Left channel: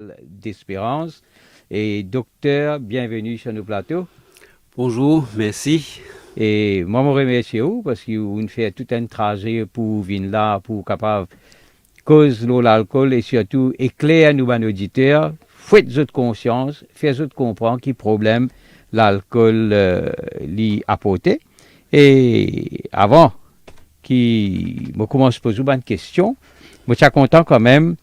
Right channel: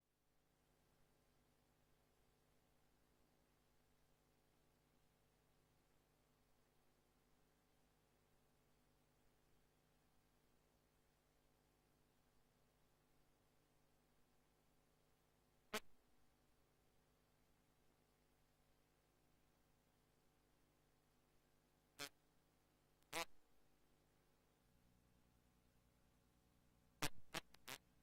d'Espérance. Et docteur, bienvenue sur nos plateaux. Bonjour, merci. Et moi, je remercie vous parce que vous fait tout un trajet pour venir là, pour capable cause l'alcool et surtout éclairer nous, nos auditeurs. Faites votre conscience, faites votre comprendre qui problème l'alcool lui apporter. Et avant qui me commence à poser une question, je suis content quand même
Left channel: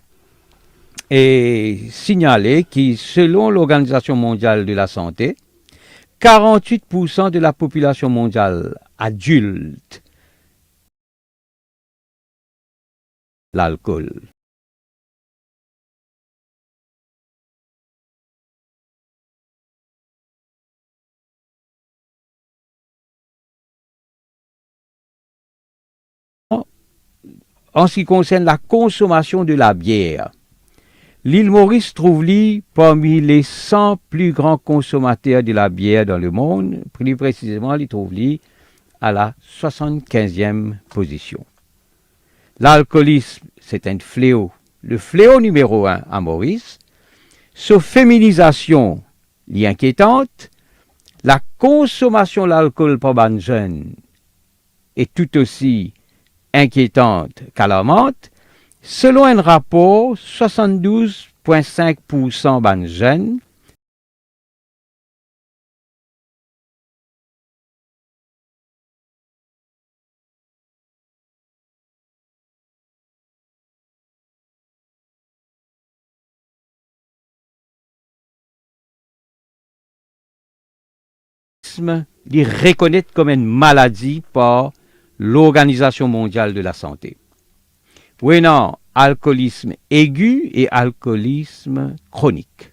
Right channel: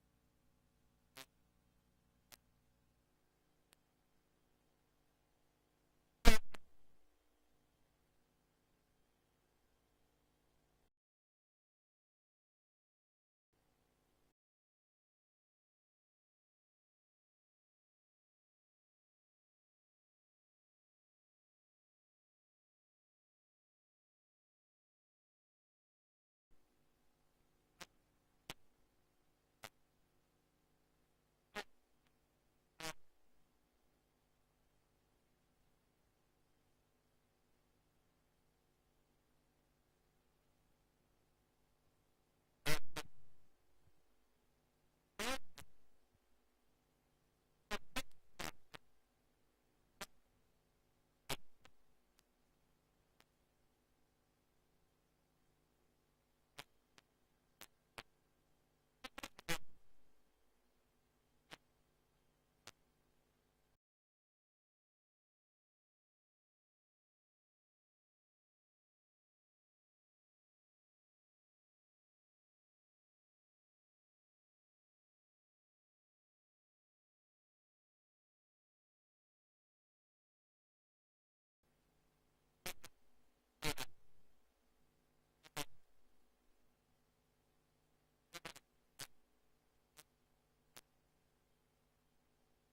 et signaler que selon l'Organisation mondiale de la santé, 48% de la population mondiale adulte l'alcool. En ce qui concerne la consommation de la bière, l'île Maurice trouve-lui parmi les 100 plus grands consommateurs de la bière dans le monde. Plus précisément, il trouve-lui à la 75e position. L'alcoolisme, c'est un fléau. Le fléau numéro un à Maurice. Sa féminisation est inquiétante. La consommation d'alcool par les jeunes est tout aussi inquiétante qu'alarmante. Selon un rapport, 72,5% des jeunes les reconnaissent comme une maladie par l'Organisation mondiale de la santé. Prenant alcoolisme aigu et alcoolisme chronique.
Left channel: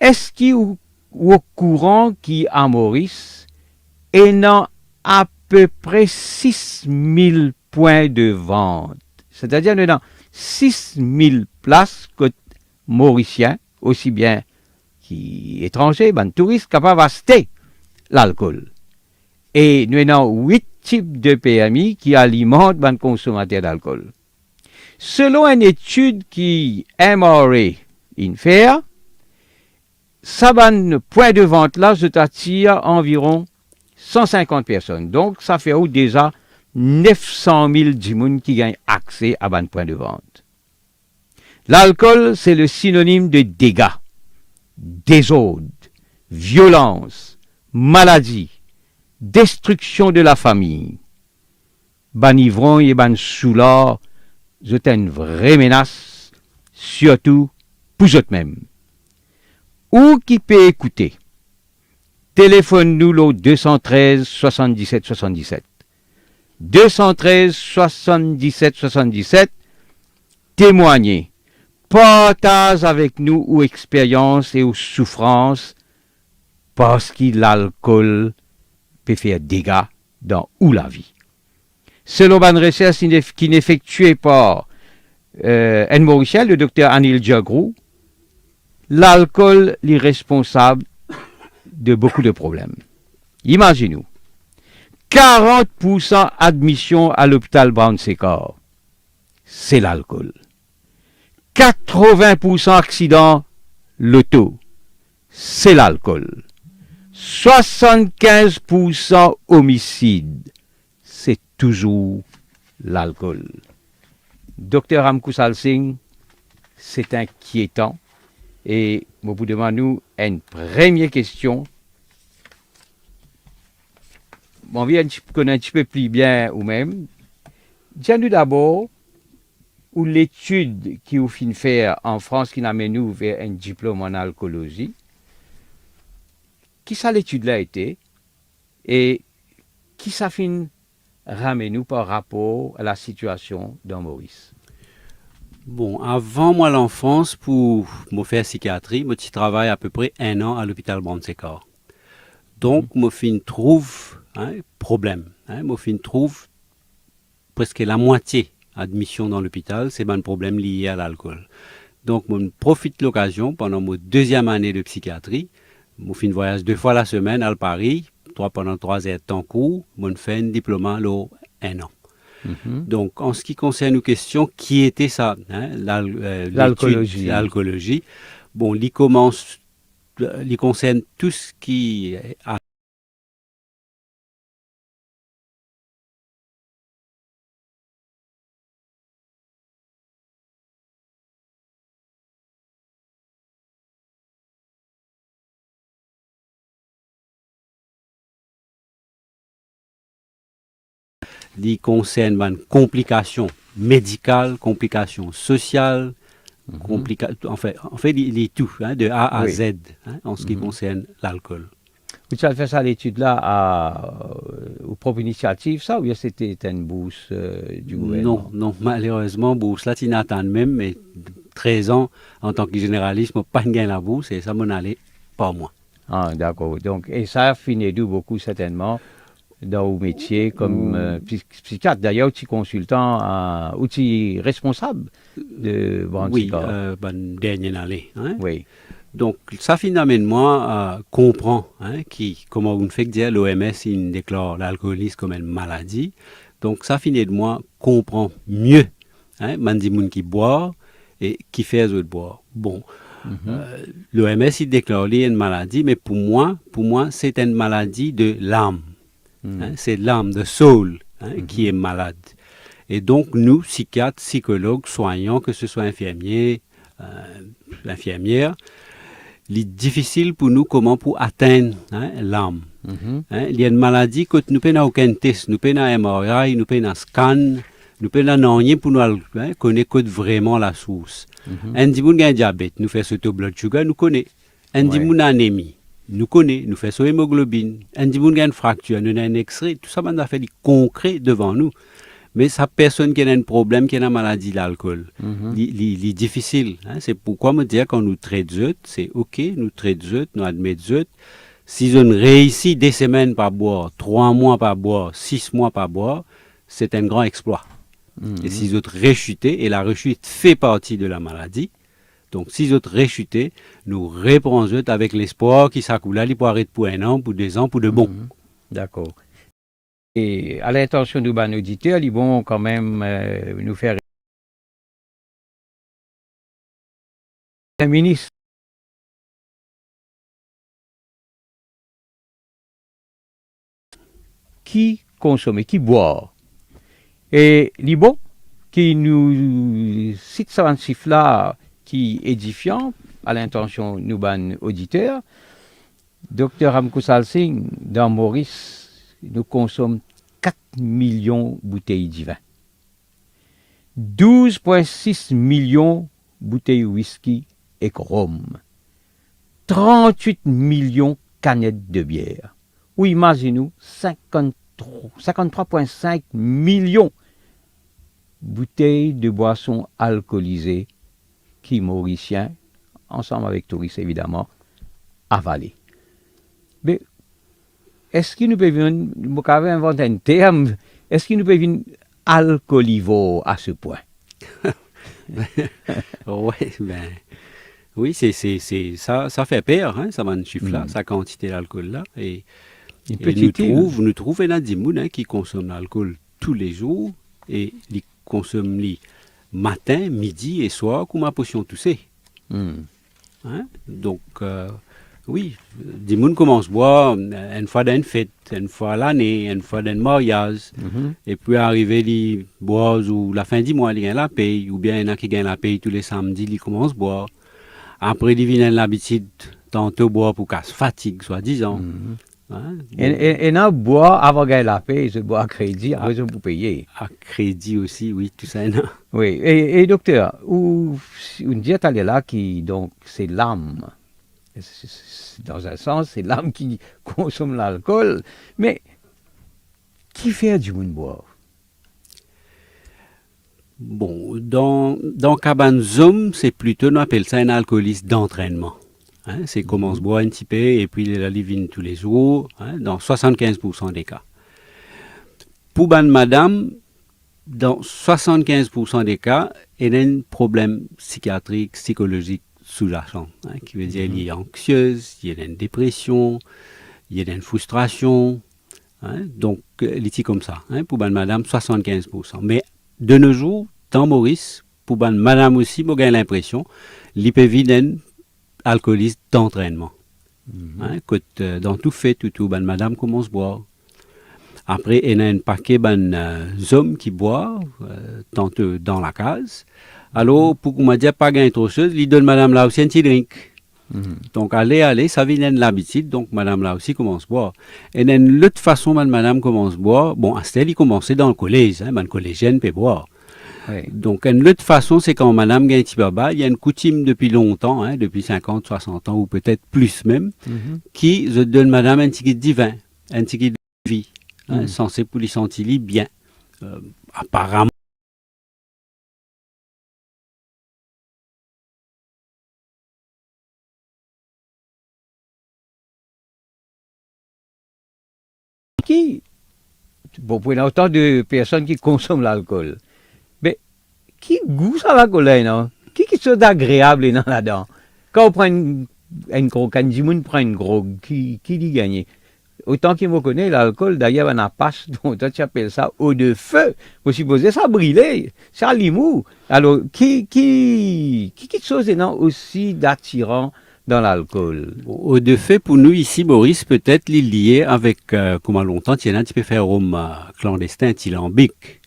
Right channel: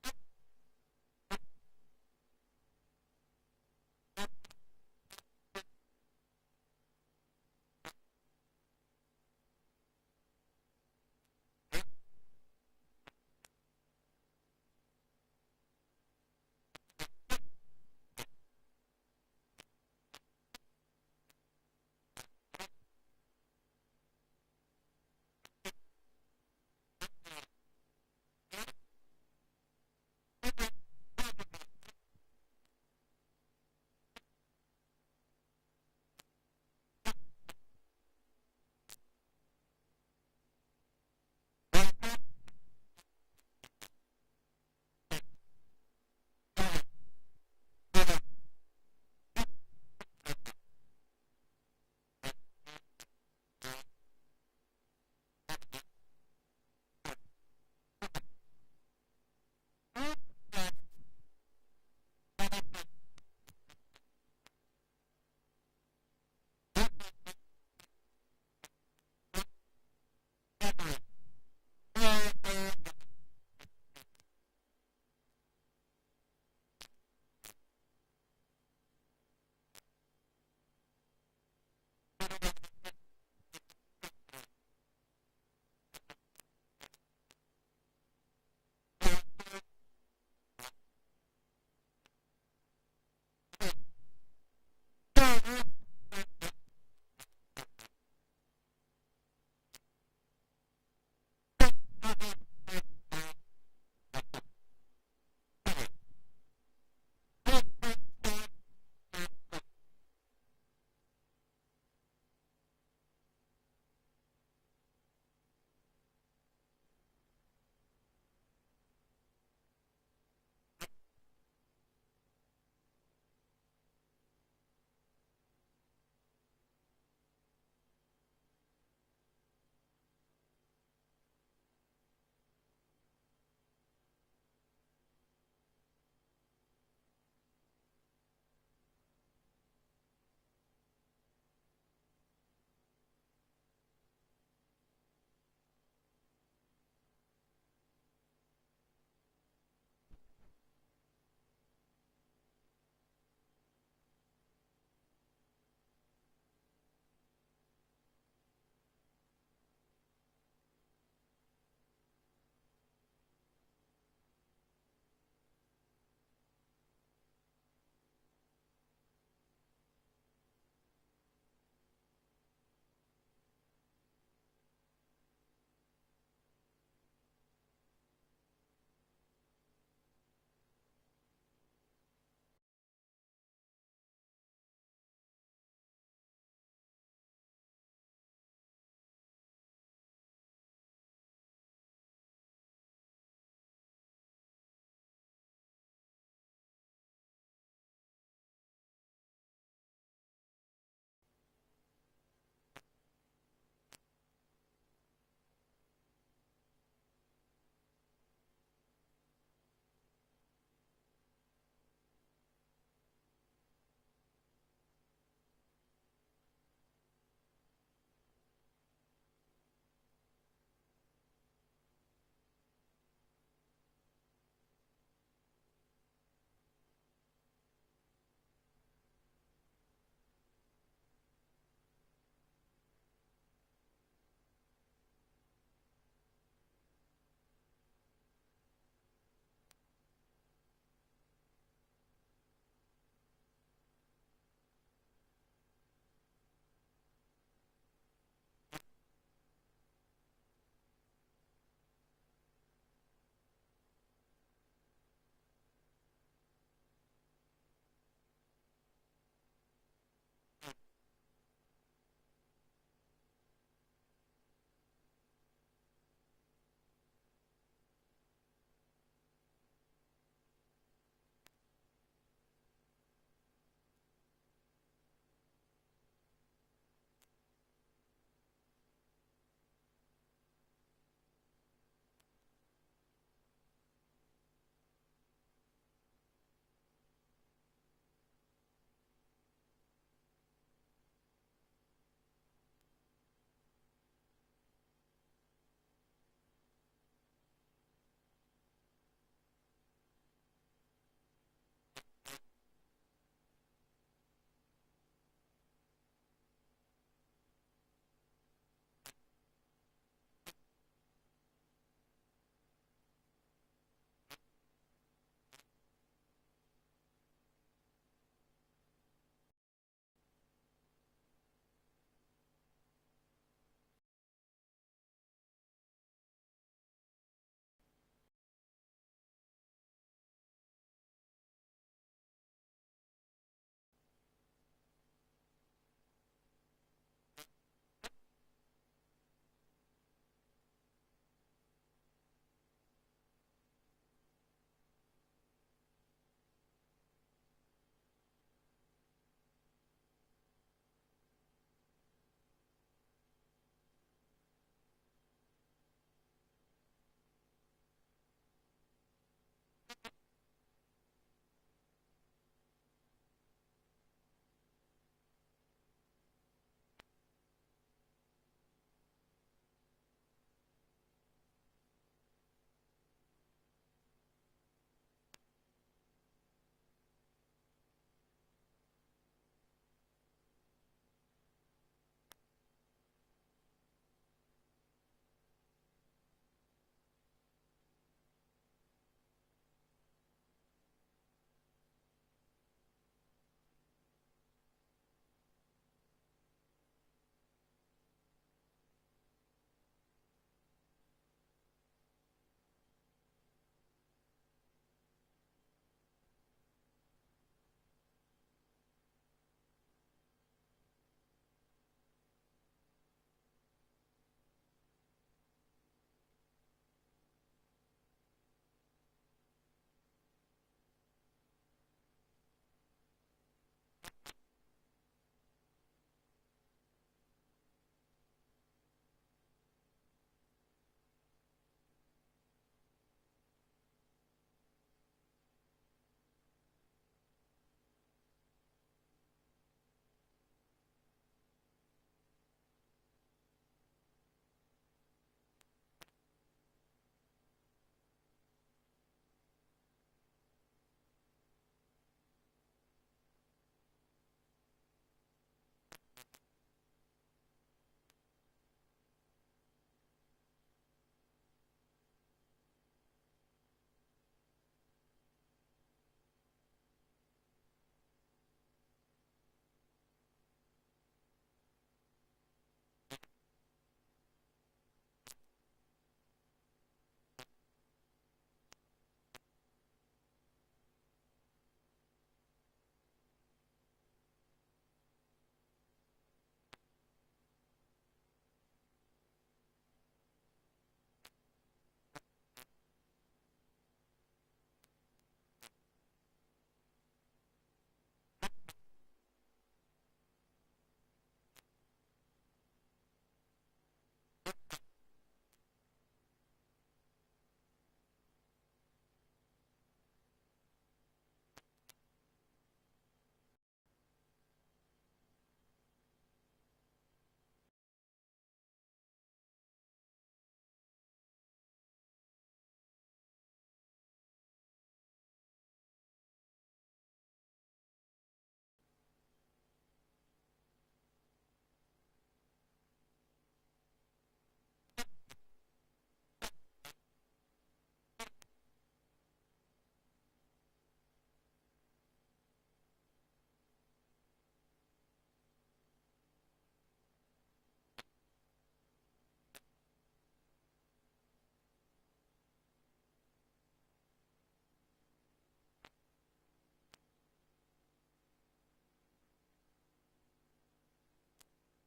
Est-ce qu'il est au courant qu'à Maurice, ayant à peu près 6 000 points de vente, c'est-à-dire nous avons 6 000 places que Mauriciens, aussi bien qu'étrangers, ben, touristes capables d'acheter l'alcool. Et nous avons 8 types de PMI qui alimentent les consommateurs d'alcool. Selon une étude qui MRA fait, ça point de vente là, je t'attire environ 150 personnes. Donc, ça fait déjà 900 000 personnes qui gagnent accès à un point de vente. L'alcool, c'est le synonyme de dégâts, désordre, violence, maladie, destruction de la famille. Ban ivron et ban soulard, c'est une vraie menace, surtout pour eux-mêmes. Ou qui peut écouter? Téléphone-nous au 213 77 77. 213 77 77. Témoignez. Partage avec nous ou expériences et ou souffrances parce que l'alcool peut faire dégâts dans ou la vie. Selon une recherche qui est effectuée par Anne Mauriciel, le docteur Anil Diagrou, l'alcool est responsable de beaucoup de problèmes. Imaginez-nous, 40% admission à l'hôpital Brown-Séquard, c'est l'alcool. 80% accidents l'auto, c'est l'alcool. 75% homicide, c'est toujours l'alcool. Docteur Amkoussal Singh, c'est inquiétant. Et vous demandez une première question. On vient de connaître un petit peu plus bien ou même. Dis-nous d'abord, où l'étude qui vous fin faire en France qui amène nous vers un diplôme en alcoolologie, qui ça l'étude là été et qui ça fin ramène nous par rapport à la situation dans Maurice. Bon, avant moi l'enfance, pour me faire psychiatrie, moi je travaille à peu près 1 an à l'hôpital Brand-Séquard. Donc, moi fin trouve problème. Moi fin trouve presque la moitié admission dans l'hôpital, c'est un problème lié à l'alcool. Donc, moi profite de l'occasion pendant ma deuxième année de psychiatrie. Moi fin voyage 2 fois la semaine à Paris, pendant 3 heures de temps court, moi fais un diplôme là 1 an. Mhm. Donc, en ce qui concerne nos questions, qui était ça, hein, L'alcoolologie. l'alcoolologie, bon, il concerne tout ce qui a il concerne ben, complications médicales, complications sociales, Mhm. en fait, il est tout, hein, de A à Oui. Z, hein, en ce qui Mhm. concerne l'alcool. Tu as fait ça, l'étude-là, aux propres initiatives, ça, ou bien c'était une bourse du Non, gouvernement? non, malheureusement, bourse là, tu n'attends même, mais 13 ans, en tant que généraliste, je pas gagné la bourse et ça m'en allait pas moi. Ah, d'accord. Donc, et ça a fini d'où beaucoup certainement dans vos métiers comme Ou, psychiatre. D'ailleurs, tu es consultant ou tu es responsable de oui, Brandsicor. ben, dernière année, hein. Oui. Donc, ça finalement comprend hein, comment on fait dire l'OMS, il déclare l'alcoolisme comme une maladie. Donc, ça finit de moi comprend mieux, hein, man dit moun qui boit et qui fait les autres boire. Bon, Mhm. l'OMS, il déclare une maladie, mais pour moi, c'est une maladie de l'âme. Hein, Mhm. c'est l'âme, de soul, hein, qui Mhm. est malade. Et donc, nous, psychiatres, psychologues, soignants, que ce soit infirmiers, euh, infirmières, il est difficile pour nous comment pour atteindre hein, l'âme. Mhm. Hein. Il y a une maladie que nous n'avons aucun test, nous n'avons un MRI, nous n'avons un scan, nous n'avons rien pour nous hein, connaître vraiment la source. Mhm. Un dit qu'on a un diabète, nous faisons ce blood sugar, nous connaissons. Un dit Ouais. qu'on a anémie, nous connaissons, nous faisons hémoglobine. Un dit qu'on a une fracture, nous avons un extrait, tout ça, on a fait du concret devant nous. Mais ça, personne qui a un problème, qui a une maladie de l'alcool. Mhm. C'est difficile. Hein? C'est pourquoi me dire quand nous traitons, c'est OK, nous traitons, nous admettons. Si on réussit des semaines par boire, 3 mois par boire, 6 mois par boire, c'est un grand exploit. Et Mhm. si autres réchuter, et la rechute fait partie de la maladie, donc si autres réchuter, nous reprenons avec l'espoir qui s'accoule, il peut arrêter pour 1 an, pour 2 ans, pour de bon. Mhm. D'accord. Et à l'intention de nos auditeurs, ils vont quand même nous faire un ministre qui consomme, qui boit. Et Libon, qui nous cite ça un chiffre là qui est édifiant à l'intention de nos auditeurs, Dr Amkoussal Singh, dans Maurice, nous consomme 4 millions de bouteilles de vin, 12,6 millions de bouteilles de whisky et rhum, 38 millions de canettes de bière. Ou imaginez-nous 53,5 millions de bouteilles de boissons alcoolisées qui Mauriciens, ensemble avec touristes évidemment, avalées. Mais est-ce qu'il nous peut venir, vous avez inventé un terme, est-ce qu'il nous peut venir alcoolivore à ce point? Ouais, ben, oui, ça fait peur, hein, ça va chiffre là, Hmm. sa quantité d'alcool là. Une Et petite île. nous trouve un adimoun hein, qui consomme l'alcool tous les jours et il consomme les matin, midi et soir comme ma potion toussée. Hmm. Hein. Donc, oui, des gens commencent à boire une fois d'une fête, une fois à l'année, une fois d'un mariage. Mhm. Et puis arriver les boire ou la fin du mois, ils gagnent la paye, ou bien il y en a qui gagnent la paye tous les samedis, ils commencent à boire. Après, ils viennent l'habitude tantôt boire pour qu'elle se fatigue, soi-disant. Mhm. Hein. Et, Bon, et, et non, boire avant de gagner la paix, c'est boire à crédit, à, après ça vous payez. à crédit aussi, oui, tout ça. Non. Oui, et docteur, une diète elle est là qui, donc, c'est l'âme. Dans un sens, c'est l'âme qui consomme l'alcool, mais qui fait du monde boire? Bon, dans Cabane Zoom, c'est plutôt, on appelle ça un alcooliste d'entraînement. Hein, c'est commence à Mhm. boire un petit peu et puis il la livine tous les jours, hein, dans 75% des cas. Pour ban madame, dans 75% des cas, il y a un problème psychiatrique, psychologique sous-jacent, hein, qui veut dire qu'il Mhm. est anxieuse, il y a une dépression, il y a une frustration, Donc, il est comme ça. Pour ban madame, 75%. Mais de nos jours, dans Maurice, pour ban madame aussi, j'ai l'impression, il peut vivre un alcooliste d'entraînement. Dans tout fait, tout, ban madame commence à boire. Après, il y a un paquet d'hommes qui boivent, tantôt dans la case. Alors, pour qu'on m'a dit pas gagner trop chose, il donne madame là aussi un petit drink. Donc, allez, ça vient de l'habitude. Donc, madame là aussi commence à boire. Et d'une autre façon, madame commence à boire. Bon, à ce il commençait dans le collège. Le collégien peut boire. Oui. Donc, une autre façon, c'est quand madame gagne un petit baba, il y a une coutume depuis longtemps, depuis 50, 60 ans, ou peut-être plus même, qui je donne madame un ticket de vin, un ticket de vie, censé pour les sentir bien. Apparemment, Qui, bon, pour autant de personnes qui consomment l'alcool, mais qui goûte à l'alcool là, non? Qui sont agréable là-dedans? Quand on prend une gros, quand Jimoun prend une drogue, qui dit gagner? Autant qu'il me connaît, l'alcool, d'ailleurs, on a pas, donc toi tu appelles ça eau de feu. Vous supposez ça brûler, ça limou. Alors, qui chose non aussi d'attirant dans l'alcool? de fait, pour nous ici, Maurice, peut-être lié avec, comment longtemps, il y en a un petit peu fait rhum clandestin, tylambique.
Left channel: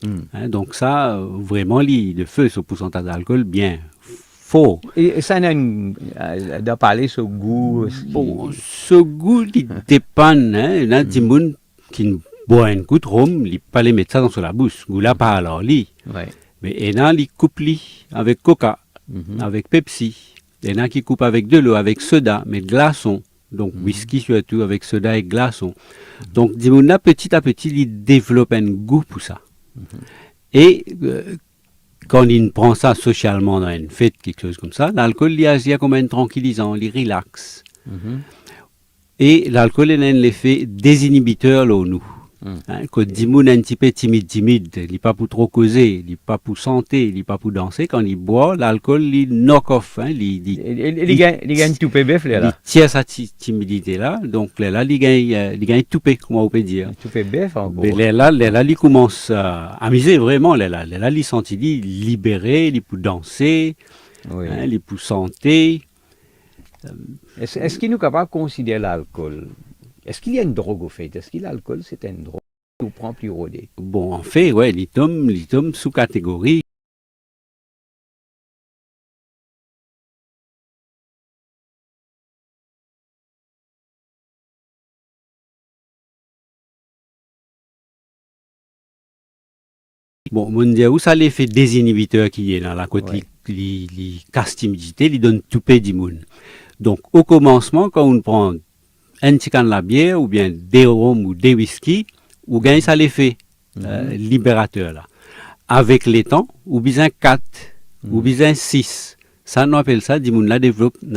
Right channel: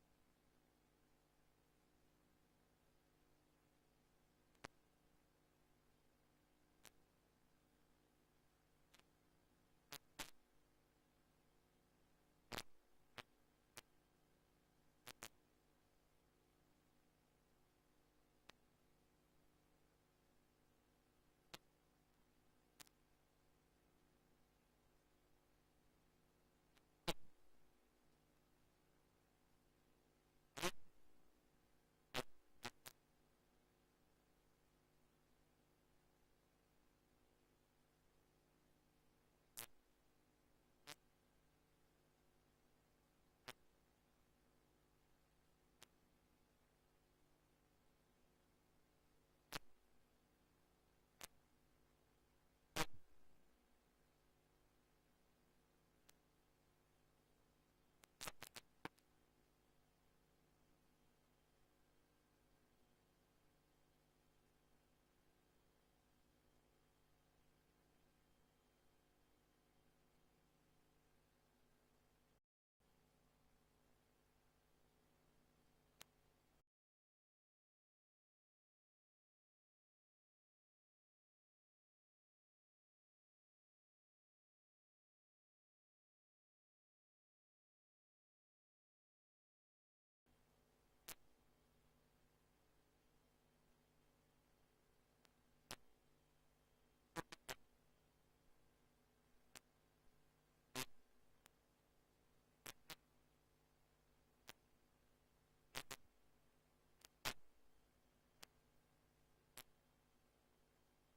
Donc ça, vraiment, de feu, ce pourcentage d'alcool, bien fort. Et ça n'a parler ce goût aussi. Bon, ce goût, il dépend. Il y a des gens qui boivent un coup de rhum, ils ne pas les mettre ça dans la bouche. Goût là, pas alors, lit. Ouais. Mais il y en a qui coupent avec Coca, avec Pepsi. Il y en a qui coupent avec de l'eau, avec soda, mais glaçons. Donc, whisky surtout avec soda et glaçons. Donc, des gens là, petit à petit, ils développent un goût pour ça. Et quand il prend ça socialement dans une fête, quelque chose comme ça, l'alcool, il agit comme un tranquillisant, il relaxe. Et l'alcool, il a un effet désinhibiteur là, nous. Quand il est un petit peu timide, il n'est pas pour trop causer, il n'est pas pour santé, il n'est pas pour danser. Quand il boit, l'alcool, il knock off. Il gagne tout bébé, il là. tire sa timidité-là. Donc là, il gagne tout pé, comment on peut dire. Tout bébé, en gros. Mais là, il commence à amuser vraiment. Là, il sent libéré, il peut danser, Oui. Il peut santé. Est-ce qu'il nous est capable de considérer l'alcool? Est-ce qu'il y a une drogue au fait? Est-ce que l'alcool, c'est une drogue qu'on prend plus rodé? Bon, en fait, ouais, il tombe sous catégorie. Bon, mon Dieu, où ça l'effet désinhibiteur qui est dans la côte, les casse timidité, il donne tout paix du monde. Donc, au commencement, quand on prend un petit can de la bière, ou bien des rhum ou des whisky, ou gagne ça l'effet libérateur là. Avec les temps, ou bien 4, ou bien 6. Ça, on appelle ça, du monde là,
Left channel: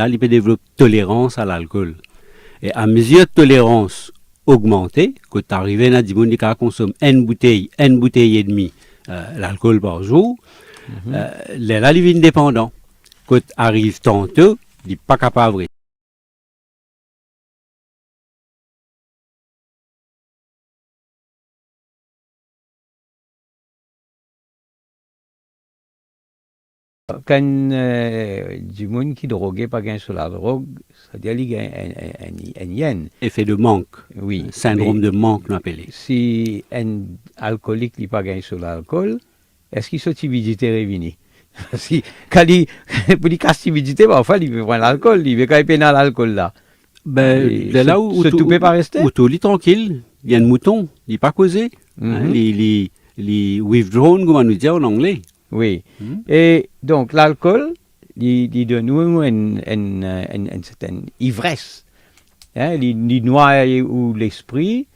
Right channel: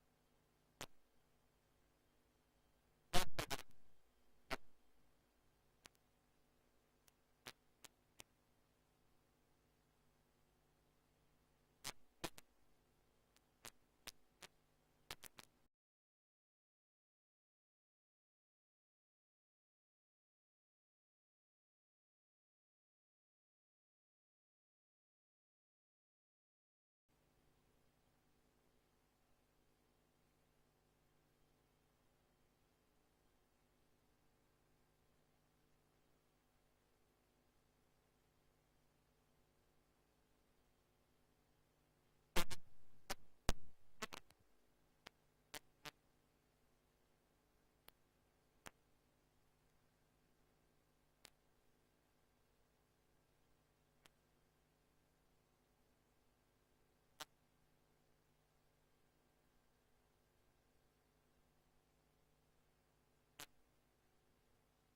il peut développer tolérance à l'alcool. Et à mesure de tolérance augmentée, quand tu arrives à du monde qui consomme une bouteille et demie l'alcool par jour, là, il est indépendant. Quand tu arrives tantôt, il n'est pas capable. Quand du monde qui drogué pas gagne sur la drogue, c'est-à-dire qu'il gagne un yen. Effet de manque. Oui. Syndrome de manque, on appelle. Si un alcoolique n'est pas gagne sur l'alcool, est-ce qu'il soit timidité réunie? Si, quand il, pour les cas timidité, parfois, il veut prendre l'alcool, il veut quand il peine à l'alcool là. Ben, là où tout peut pas rester. Où tout est tranquille, il y a un mouton, il n'est pas causé. Les withdrawn, comme on nous dit en anglais. Oui. Et donc, l'alcool, il donne nous une certaine ivresse. Il noie ou l'esprit.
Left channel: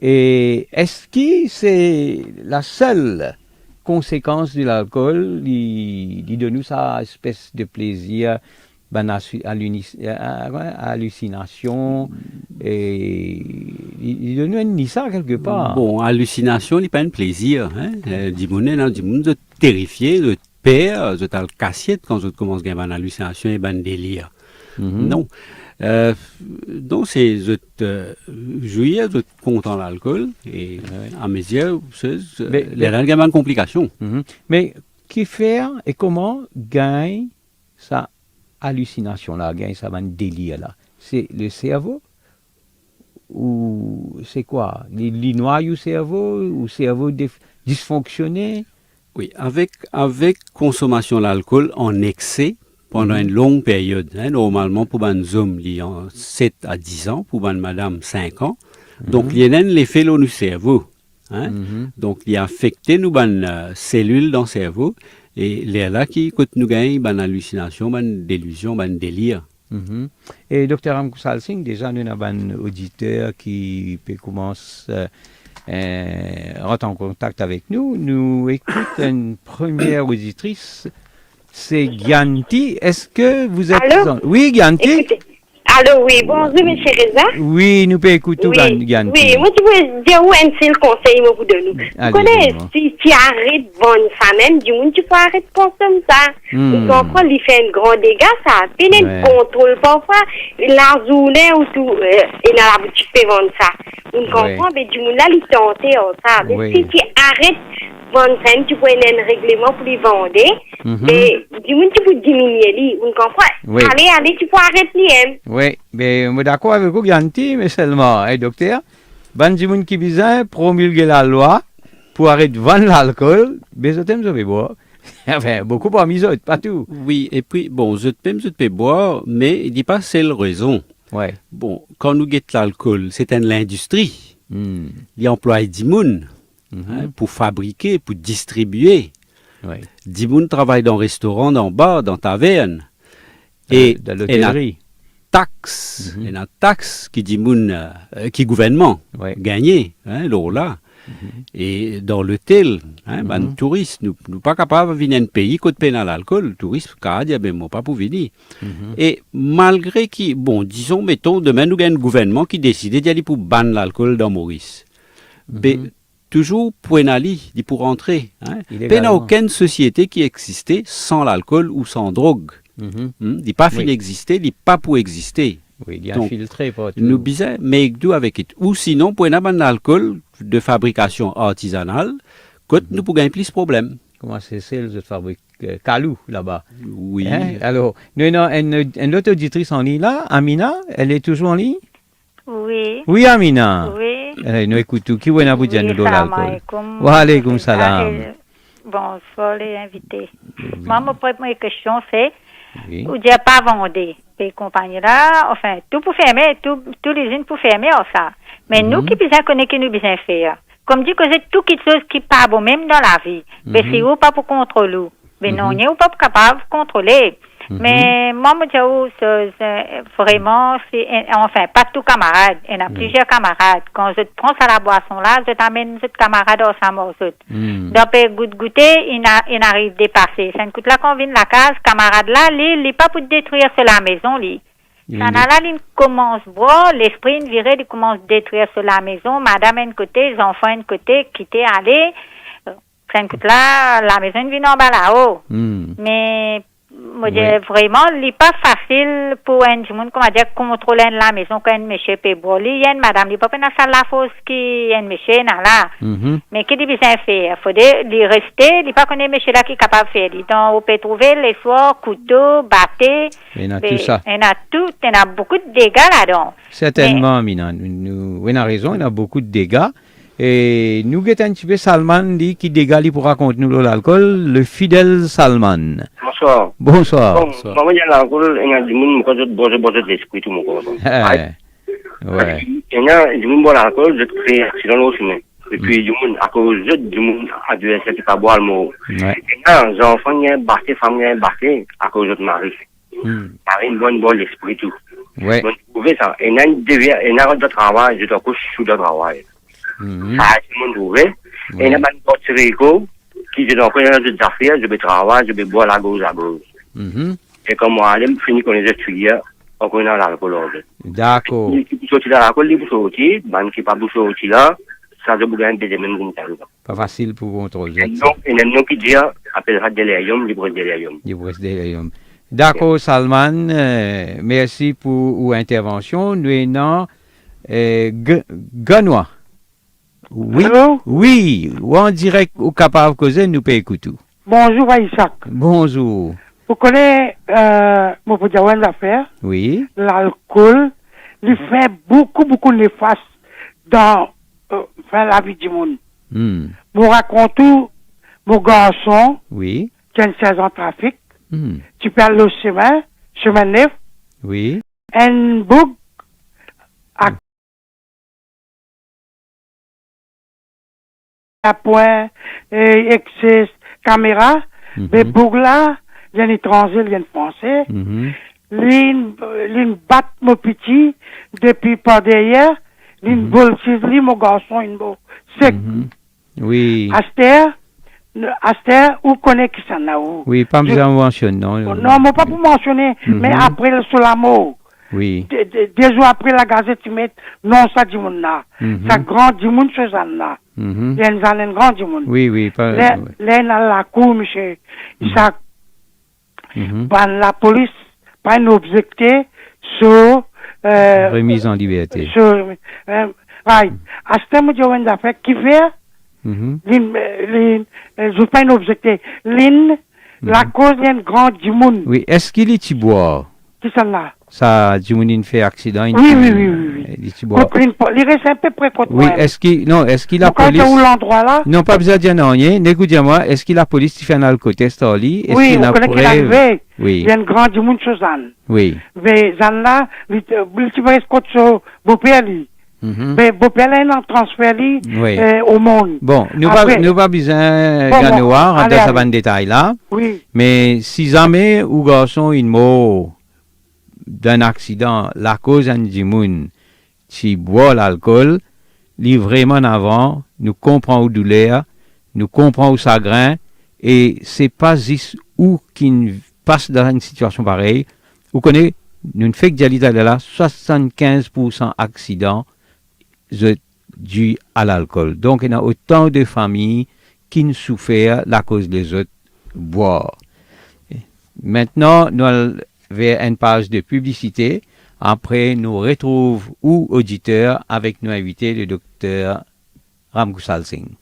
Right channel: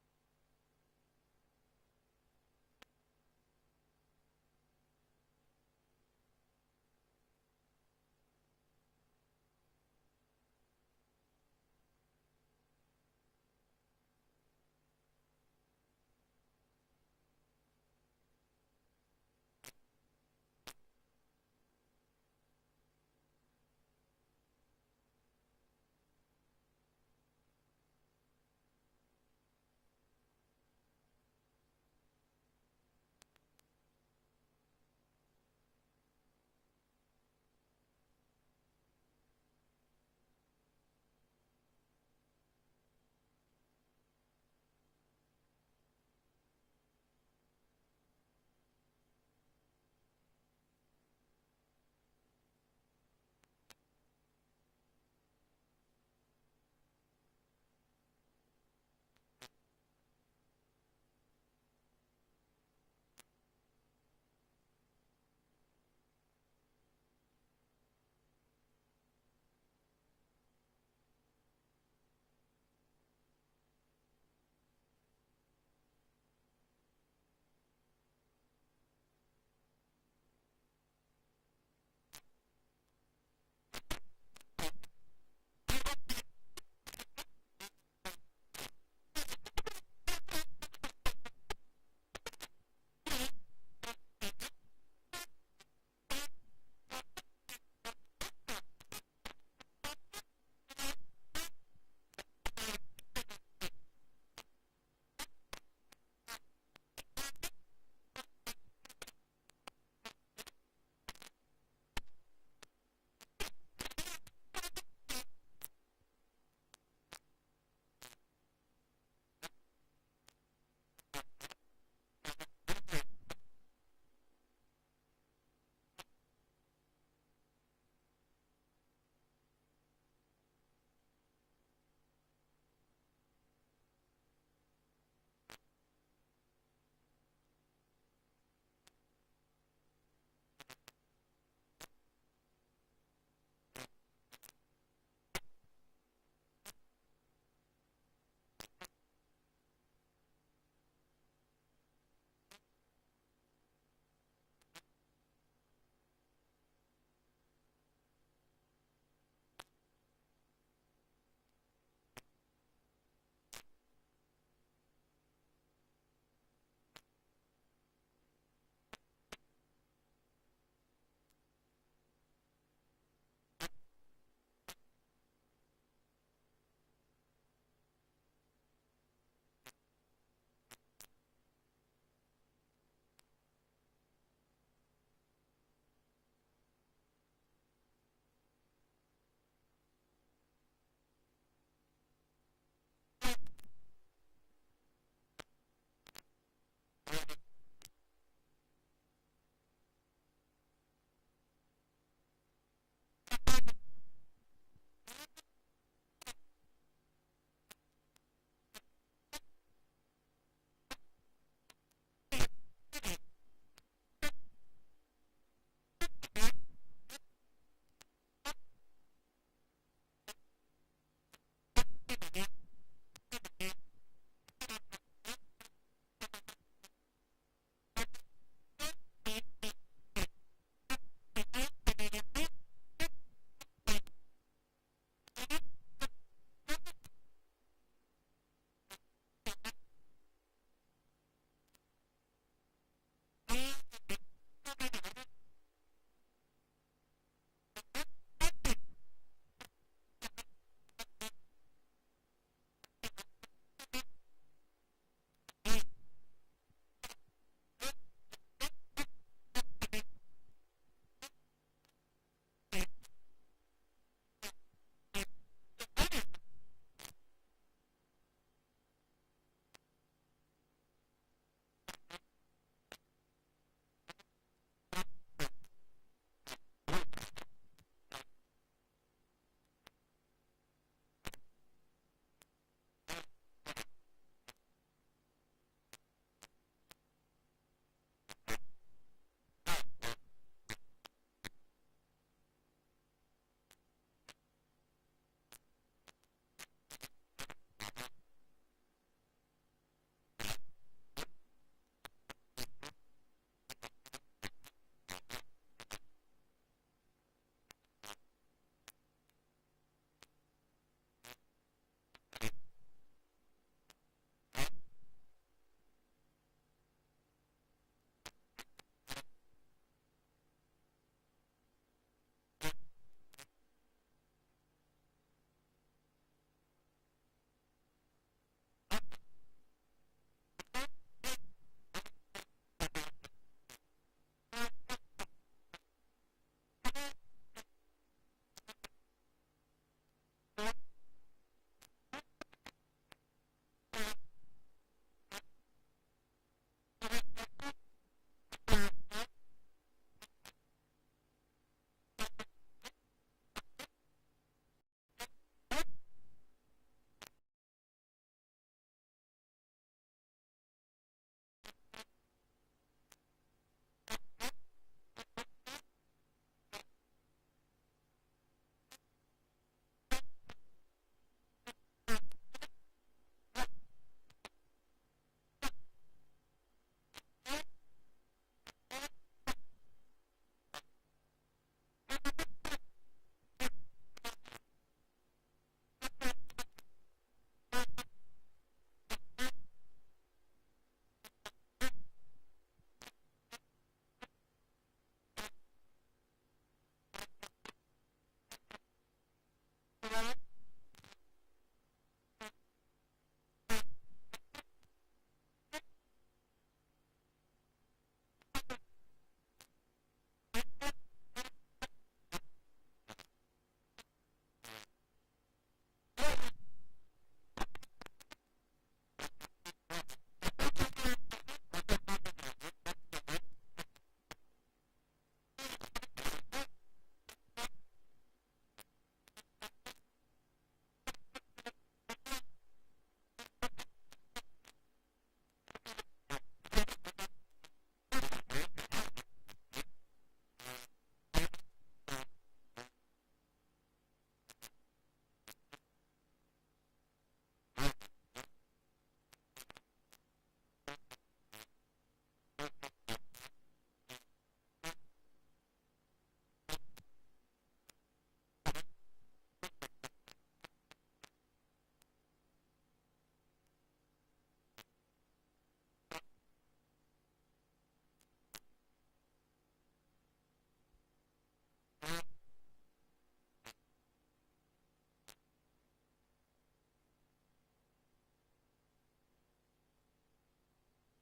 Et est-ce que c'est la seule conséquence de l'alcool? Il donne nous sa espèce de plaisir, hallucination. Et il donne nous ça quelque part. Bon, hallucination, il n'est pas un plaisir. Du monde de terrifier, de peur, de tal cassiette quand je commence à avoir une hallucination et un délire. Non. Donc, c'est juillet, je content l'alcool, et à mes yeux, c'est les règlements de complications. Mais qui fait et comment gagne sa hallucination là, gagne sa délire là? C'est le cerveau ou c'est quoi? Les noix du cerveau ou cerveau dysfonctionné? Oui, avec consommation d'alcool en excès pendant une longue période, normalement pour un homme, il y a 7 à 10 ans, pour une madame, 5 ans. Donc, il y a un effet dans le cerveau. Donc, il a affecté nos cellules dans le cerveau et les là qui nous gagnent une hallucination, une délusion, un délire. Et Dr. Amkusal Singh, déjà, nous avons un auditeur qui peut commencer rentrer en contact avec nous. Nous écoutons une première auditrice, c'est Gyanti. Est-ce que vous êtes... Allô? Oui, Gyanti. Écoutez. Allô, oui, bonjour, M. Reza. Oui, nous pouvons écouter Gyanti. Oui, moi, tu veux dire où est le conseil pour de nous? Tu connais, si tu arrêtes de vendre ça même, du monde, tu peux arrêter de consommer ça. Tu comprends, il fait un grand dégât, ça. Il y a un contrôle parfois, la journée ou tout, il a la boutique fait vendre ça. Tu comprends, mais du monde là, il tente ça. Mais si tu arrêtes vendre ça, tu peux un règlement pour les vendre. Et du monde, tu peux diminuer lui. On comprend? Allez, tu peux arrêter lui. Oui, mais je suis d'accord avec vous, Gyanti, mais seulement, docteur, du monde qui besoin promulguer la loi pour arrêter de vendre l'alcool, mais je t'aime, je vais boire. Enfin, beaucoup parmi eux, pas tout. Oui, et puis, bon, je peux boire, mais il dit pas c'est la raison. Ouais. Bon, quand nous guettons l'alcool, c'est l'industrie. Il emploie des gens pour fabriquer, pour distribuer. Ouais. 10 personnes travaillent dans restaurant, dans bar, dans taverne. Et dans l'hôtellerie. Il y a une taxe qui dit qui gouvernement gagné, là. Et dans l'hôtel, les touristes, nous ne sommes pas capables de venir dans un pays qui paye l'alcool. Les touristes, ne pas pour venir. Et malgré qui, bon, disons, mettons, demain, nous avons un gouvernement qui décide d'aller pour bannir l'alcool dans Maurice. Mais toujours pour aller, pour rentrer. Il n'y a aucune société qui existait sans l'alcool ou sans drogue. Il n'est pas fini d'exister, il n'est pas pour exister. Oui, il est infiltré. Nous disons, mais d'où avec it. Ou sinon, pour un alcool de fabrication artisanale, nous pouvons gagner plus de problèmes. Comment c'est celle de fabrique Kalou là-bas? Oui. Alors, nous avons une autre auditrice en ligne là, Amina, elle est toujours en ligne? Oui. Oui, Amina. Oui. Nous écoutons. Qui est vous dire nous l'alcool? Wa alaykoum salam. Bonsoir les invités. Moi, ma première question c'est, vous n'avez pas vendu les compagnies là, enfin, tout pour fermer, tous les usines pour fermer, ça. Mais nous qui besoin connaître que nous besoin faire. Comme dit que c'est tout quelque chose qui pas bon, même dans la vie. Mais c'est ou pas pour contrôler. Mais non, on n'est pas capable de contrôler. Mais moi, je dis vraiment, enfin, pas tout camarade. Il y a plusieurs camarades. Quand je prends ça la boisson là, je t'amène ce camarade au samor. Donc, goûter, il arrive à dépasser. Ça coûte là qu'on vient de la case, camarade là, il n'est pas pour détruire la maison, lui. Ça là, il commence à boire, l'esprit viré, il commence à détruire la maison, madame un côté, les enfants un côté, quitter, aller. Ça coûte là, la maison vient en bas là-haut. Mais, moi, vraiment, il n'est pas facile pour un monde, comment dire, contrôler la maison quand un monsieur peut boire. Il y a une madame, il n'est pas dans la salle la fosse qui est un monsieur là. Mais qu'est-ce qu'il besoin faire? Il faut rester, il n'est pas qu'on est monsieur là qui est capable de faire. Donc, on peut trouver les soirs, couteau, batté. Il y a tout ça. Il y a beaucoup de dégâts là-dedans. Certainement, Mina. On a raison, il y a beaucoup de dégâts. Et nous avons un petit peu Salman qui dégage pour raconter nous l'alcool, le fidèle Salman. Bonsoir. Bonsoir. Maman, il y a l'alcool, il y a du monde qui a l'esprit tout le monde. Ouais. Il y a du monde qui a l'alcool, je crée accident au chemin. Et puis, du monde, à cause du monde adversaire qui pas boire le mot. Il y a des enfants qui ont battu, femmes qui ont battu à cause de mari. Mari, une bonne l'esprit tout. Ouais. Donc, vous pouvez ça. Il y a un de travail, je te couche sous le travail. Ça, tout le monde trouvé. Et il y a une porte Rico qui, je dois faire des affaires, je vais travailler, je vais boire la gauche à gauche. Et comme moi, je finis con les étudiants, on connaît l'alcool. D'accord. Il faut sortir de l'alcool, il faut sortir, ben, qui pas pour sortir là, ça, je vous gagne des mêmes montagnes. Pas facile pour contrôler. Donc, il y a un nom qui dit, appellera délirium, libre délirium. Libre délirium. D'accord, Salman. Merci pour l'intervention. Nous avons Ganois. Oui. Allô? Oui. Ou en direct ou capable de causer, nous pouvons écouter. Bonjour, Isaac. Bonjour. Vous connaissez, mon petit affaire, Oui. l'alcool, il fait beaucoup néfaste dans la vie du monde. Vous racontez, mon garçon, Oui. qui a une 16 ans de trafic, tu perds le chemin neuf, Oui. un bug à point, excès, caméra, mais bug là, il y a un étranger, il y a un français, l'une bat mon petit, depuis par derrière, l'une boule chez mon garçon, une boule sec. Oui. Aster, où connaît qui s'en a où? Oui, pas besoin de mentionner, non. Non, mais pas pour mentionner, mais après le Solamo. Oui. Des jours après la gazette, tu mets, non, ça dit mon là. Ça grand dit mon chose là. Il y a une grande dit mon. Oui, pas. Là, dans la cour, monsieur, ça, la police, pas un objecté sur, remise en liberté. Sur, right. Aster, me dit, on a fait, qui fait? Je pas un objectif. La cause est une grande du monde. Oui, est-ce qu'il est bois? Qui sont là? Ça, du monde fait accident. Oui. Il bois. Il reste un peu près contre oui, est-ce qu'il la police? Où l'endroit là? Non, pas besoin de dire non, rien. Écoutez-moi, est-ce qu'il la police fait un alcotest en lit? Oui, on connaît qu'il est arrivé. Oui. Il y a une grande du monde chose Zan. Oui. Mais Zan là, il va escorter sur Beaupère. Mais Beaupère là, il en transfert au monde. Bon, nous pas besoin de voir dans ce détail là. Oui. Mais si jamais ou garçon il mort d'un accident, la cause du monde, qui boit l'alcool, li vraiment avant, nous comprenons où douleur, nous comprenons où chagrin, et c'est pas juste où qui passe dans une situation pareille. Vous connaissez, nous fait que j'allais là, 75% accidents dû à l'alcool. Donc, il y a autant de familles qui ne souffrent la cause des autres boire. Maintenant, nous allons vers une page de publicité. Après, nous retrouvons ou auditeurs avec nos invités, le docteur Ramgusal Singh.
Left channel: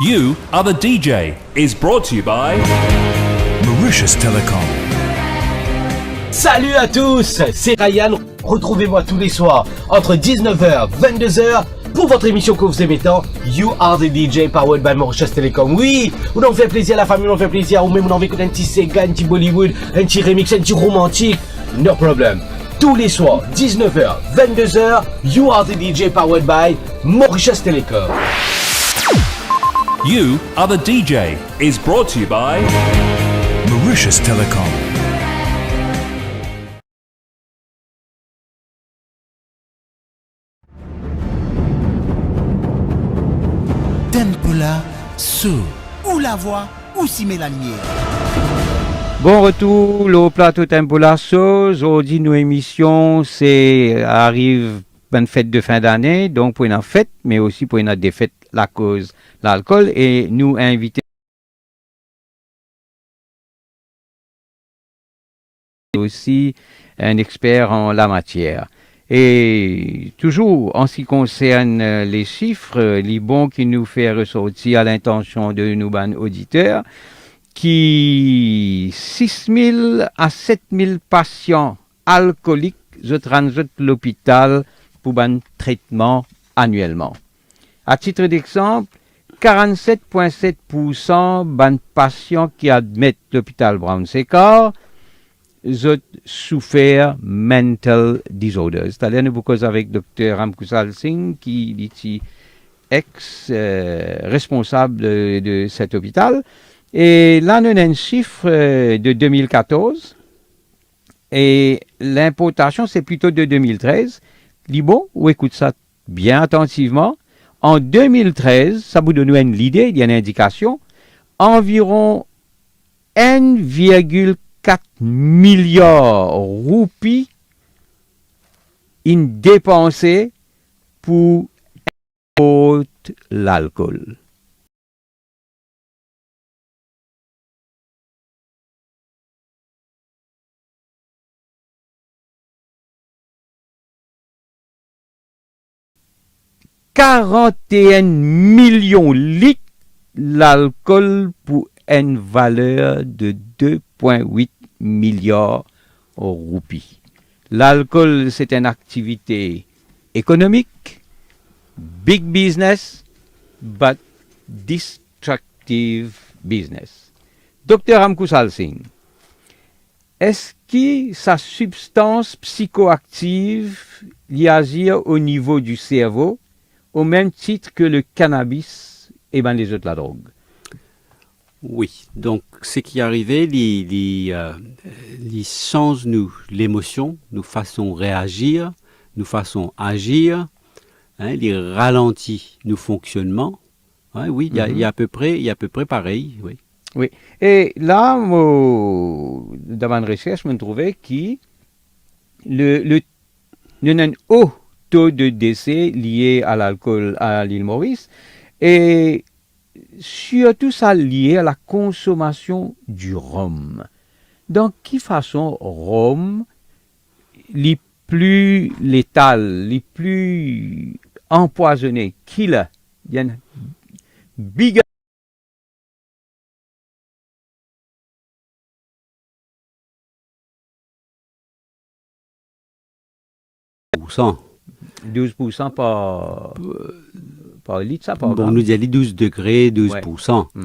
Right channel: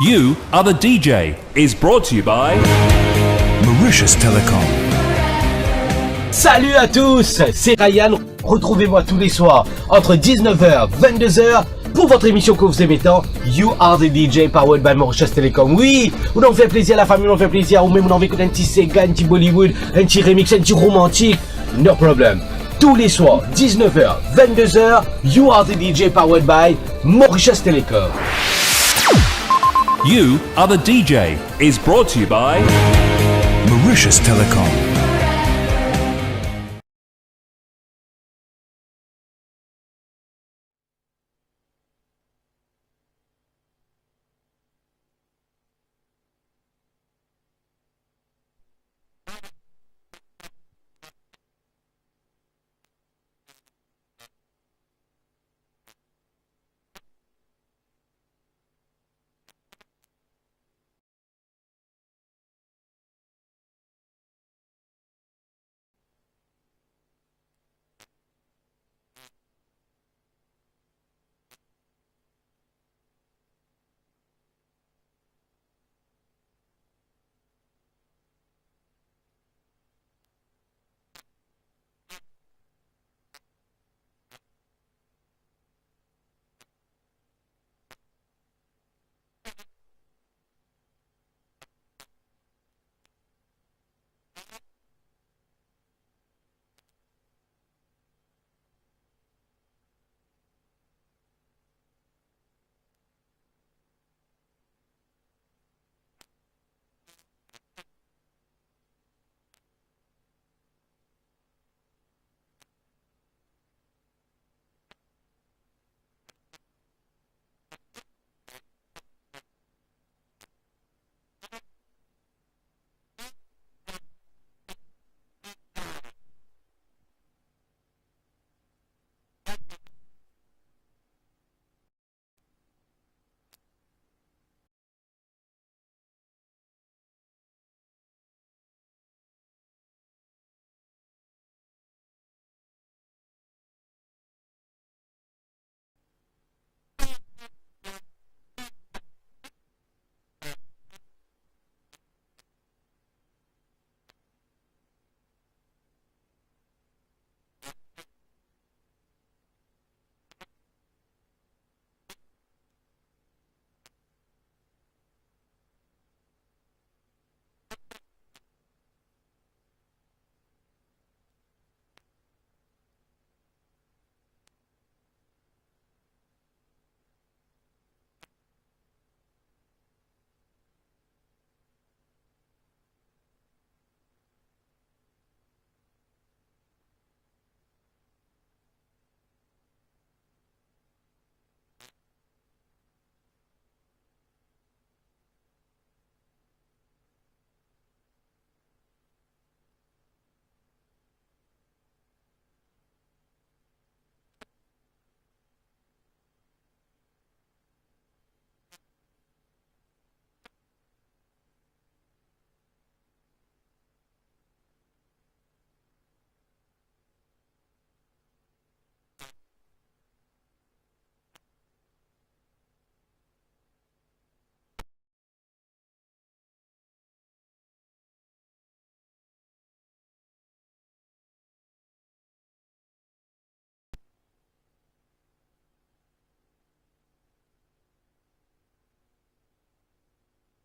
You Are the DJ is brought to you by Mauritius Telecom. Salut à tous, c'est Ryan. Retrouvez-moi tous les soirs entre 19h et 22h pour votre émission que vous aimez tant, You Are the DJ powered by Mauritius Telecom. Oui, on en fait plaisir à la famille, on en fait plaisir, ou même on en fait un petit Sega, un petit Bollywood, un petit remix, un petit romantique. No problem. Tous les soirs, 19h, 22h, You Are the DJ powered by Mauritius Telecom. You Are the DJ is brought to you by Mauritius Telecom. Tempola, ou la voix, ou s'y met la lumière. Bon retour, le plateau Tempola Sauce. Aujourd'hui, nos émissions, arrive une fête de fin d'année, donc pour une fête, mais aussi pour une défaite, la cause, l'alcool, et nous inviter aussi un expert en la matière. Et toujours en ce qui concerne les chiffres, les bons qui nous fait ressortir à l'intention de nos auditeurs, qui 6 000 à 7 000 patients alcooliques se transitent l'hôpital pour un traitement annuellement. À titre d'exemple, 47,7% des patients qui admettent l'hôpital Brown-Séquard ont souffert mental disorders. C'est-à-dire, nous causons avec Dr. Ramkusal Singh, qui est ex-responsable de cet hôpital. Et là, nous avons un chiffre de 2014. Et l'importation, c'est plutôt de 2013. Libo, ou écoute ça bien attentivement. En 2013, ça vous donne une idée, il y a une indication, environ 1,4 milliard roupies dépensées pour l'alcool. « 41 millions de litres d'alcool pour une valeur de 2,8 milliards de roupies. L'alcool, c'est une activité économique, big business, but destructive business. Dr. Ramkusal Singh, est-ce que sa substance psychoactive y agit au niveau du cerveau au même titre que le cannabis et les autres la drogue? Oui, donc ce qui est arrivé, il change nous l'émotion, nous façon réagir, nous façon agir, il ralentit nos fonctionnements. Oui, il y a à peu près pareil, oui. Oui, et là, dans ma recherche, je me trouvais qu'il y a un haut taux de décès lié à l'alcool à l'île Maurice, et surtout ça lié à la consommation du rhum. Donc, quelle façon rhum, les plus létales, les plus empoisonnés, killer, il y a une big 12% par litre, ça par bon, nous dit 12 degrés, 12%. Ouais.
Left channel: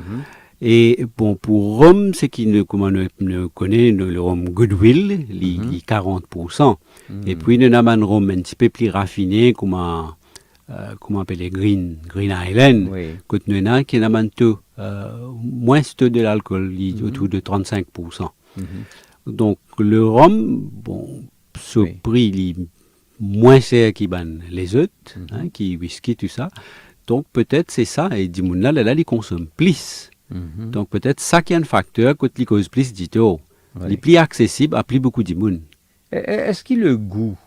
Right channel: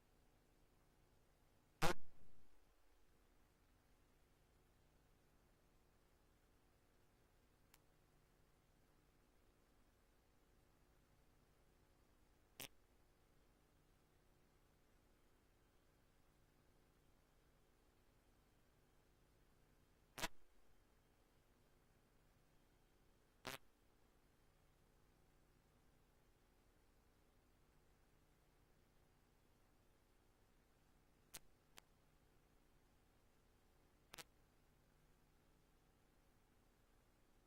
Et bon, pour rhum, c'est comme on connaît le rhum Goodwill, les 40%. Et puis, nous avons un rhum un petit peu plus raffiné, comme on appelle Green Island, que nous avons qui a un taux moins de l'alcool, autour de 35%. Donc, le rhum, bon, ce prix, il est moins cher que les autres, qui whisky, tout ça. Donc, peut-être c'est ça. Et du monde là, ils consomment plus. Donc, peut-être ça qui est un facteur que les causes plus d'ito. Il est plus accessible à plus beaucoup de monde. Est-ce qu'il le goût?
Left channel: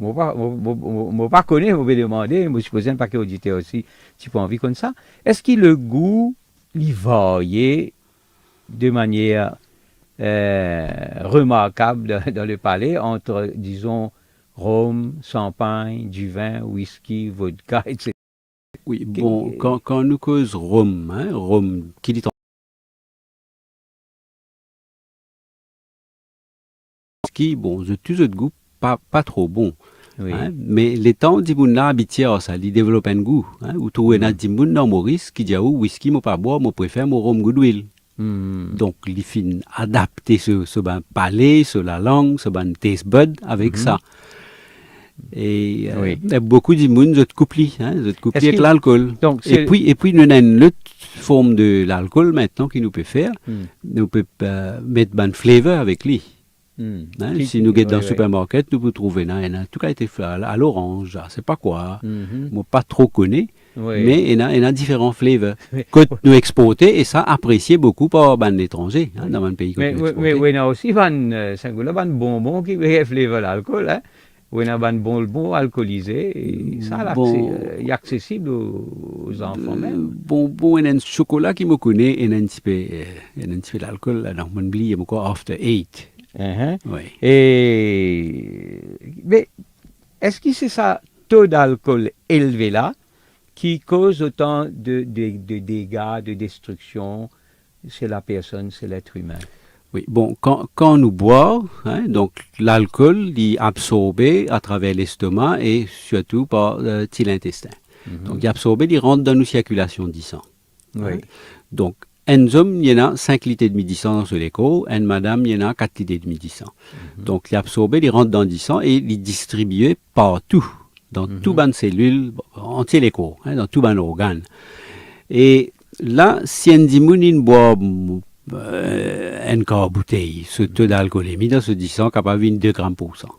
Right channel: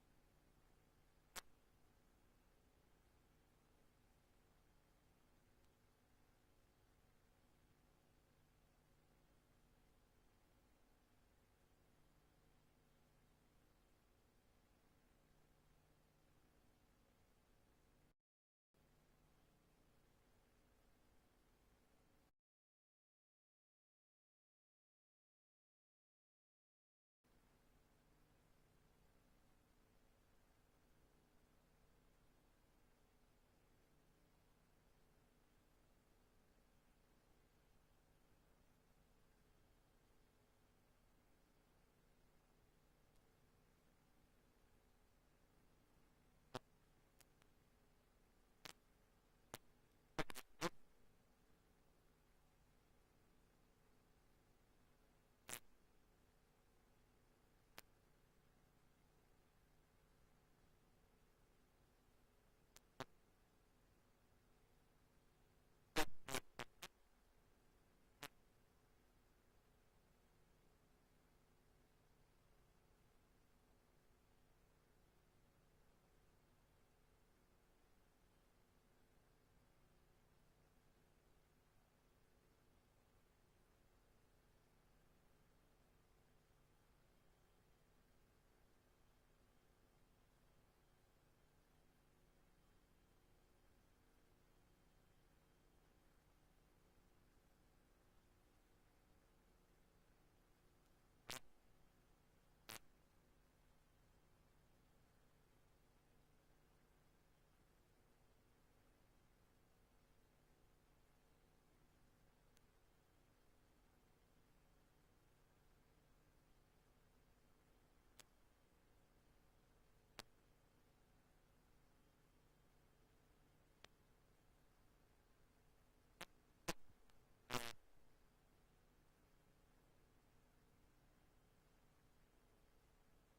Je ne pas connaître, je vais demander, je suppose un paquet auditeur aussi, tu peux envie comme ça. Est-ce qu'il le goût, il varie de manière remarquable dans le palais entre, disons, rhum, champagne, du vin, whisky, vodka, etc. Oui, bon, quand nous cause rhum, rhum, qui dit whisky, bon, de tous autres goûts, pas trop bon. Oui. Mais les temps d'Imouna habitués à ça, ils développent un goût. Ou trouver un d'Imouna dans Maurice qui dit, whisky, moi pas boire, moi préfère mon rhum Goodwill. Donc, les fins adapter ce palais, sur la langue, ce taste bud avec ça. Et beaucoup de monde se couplent avec l'alcool. Et puis nous avons une autre forme de l'alcool maintenant qui nous peut faire. Nous peut mettre un flavor avec lui. Si nous allons dans le supermarché, nous pouvons trouver en tout cas été fait à l'orange, je ne sais pas quoi. Moi pas trop connais, mais il y a différents flavors que nous exportons et ça apprécié beaucoup par les étrangers dans un pays. Mais il y a aussi un bonbon qui fait flavor l'alcool. Ou il y a un bonbon alcoolisé, et ça est accessible aux enfants même. Bonbon, il y a un chocolat qui me connaît, et il y a un petit peu d'alcool, donc on oublie encore after 8. Oui. Mais est-ce que c'est ça taux d'alcool élevé là qui cause autant de dégâts, de destruction chez la personne, chez l'être humain? Oui, bon, quand nous boivons, donc l'alcool est absorbé à travers l'estomac et surtout par l'intestin. Donc, il est absorbé, il rentre dans nos circulations du sang. Oui. Donc, un homme, il y en a 5 litres et demi de sang dans ce léco, une madame, il y en a 4 litres et demi de sang. Donc, il est absorbé, il rentre dans le sang et il est distribué partout, dans toutes les cellules, entier léco, dans tous les organes. Et là, si un dimoun boit une quart bouteille, ce taux d'alcoolémie dans ce 10 sang capable de 2 grammes pour cent.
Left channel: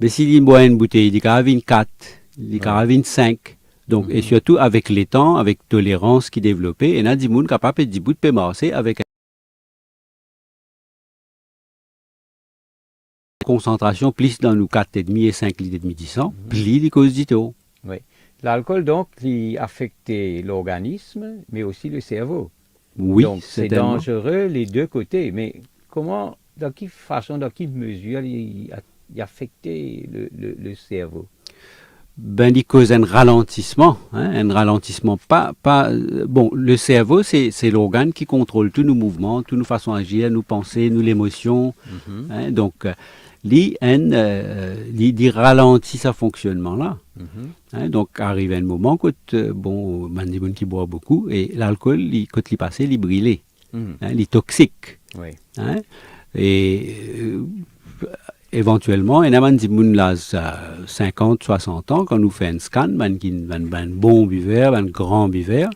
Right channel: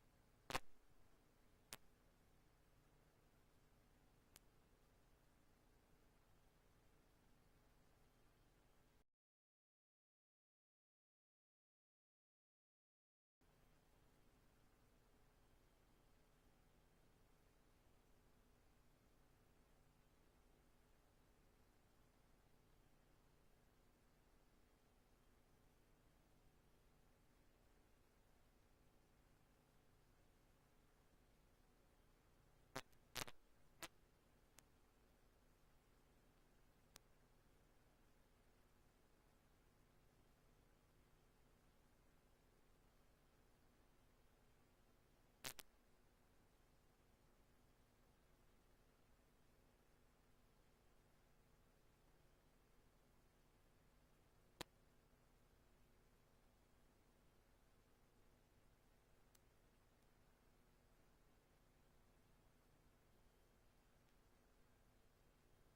Mais s'il boit une bouteille, il est capable de 4, il est capable de 5. Donc, et surtout avec les temps, avec tolérance qui développée, il y a des gens capables de bout de marcher avec une concentration plus dans nos 4,5 et 5 litres et demi de sang, plus les causes du taux. Oui. L'alcool, donc, il affecte l'organisme, mais aussi le cerveau. Oui, donc, c'est dangereux les deux côtés. Mais comment, dans quelle façon, dans quelle mesure il affecte le cerveau? Ben, il cause un ralentissement, bon, le cerveau, c'est l'organe qui contrôle tous nos mouvements, toutes nos façons d'agir, nos pensées, nos émotions. Donc, il ralentit ce fonctionnement-là. Donc, arrive un moment où, bon, il y a des gens qui boivent beaucoup, et l'alcool, quand il passe, il est brûlé, il est toxique. Oui. Éventuellement, il y a des gens 50, 60 ans, quand nous faisons un scan, un bon buveur, un grand buveur,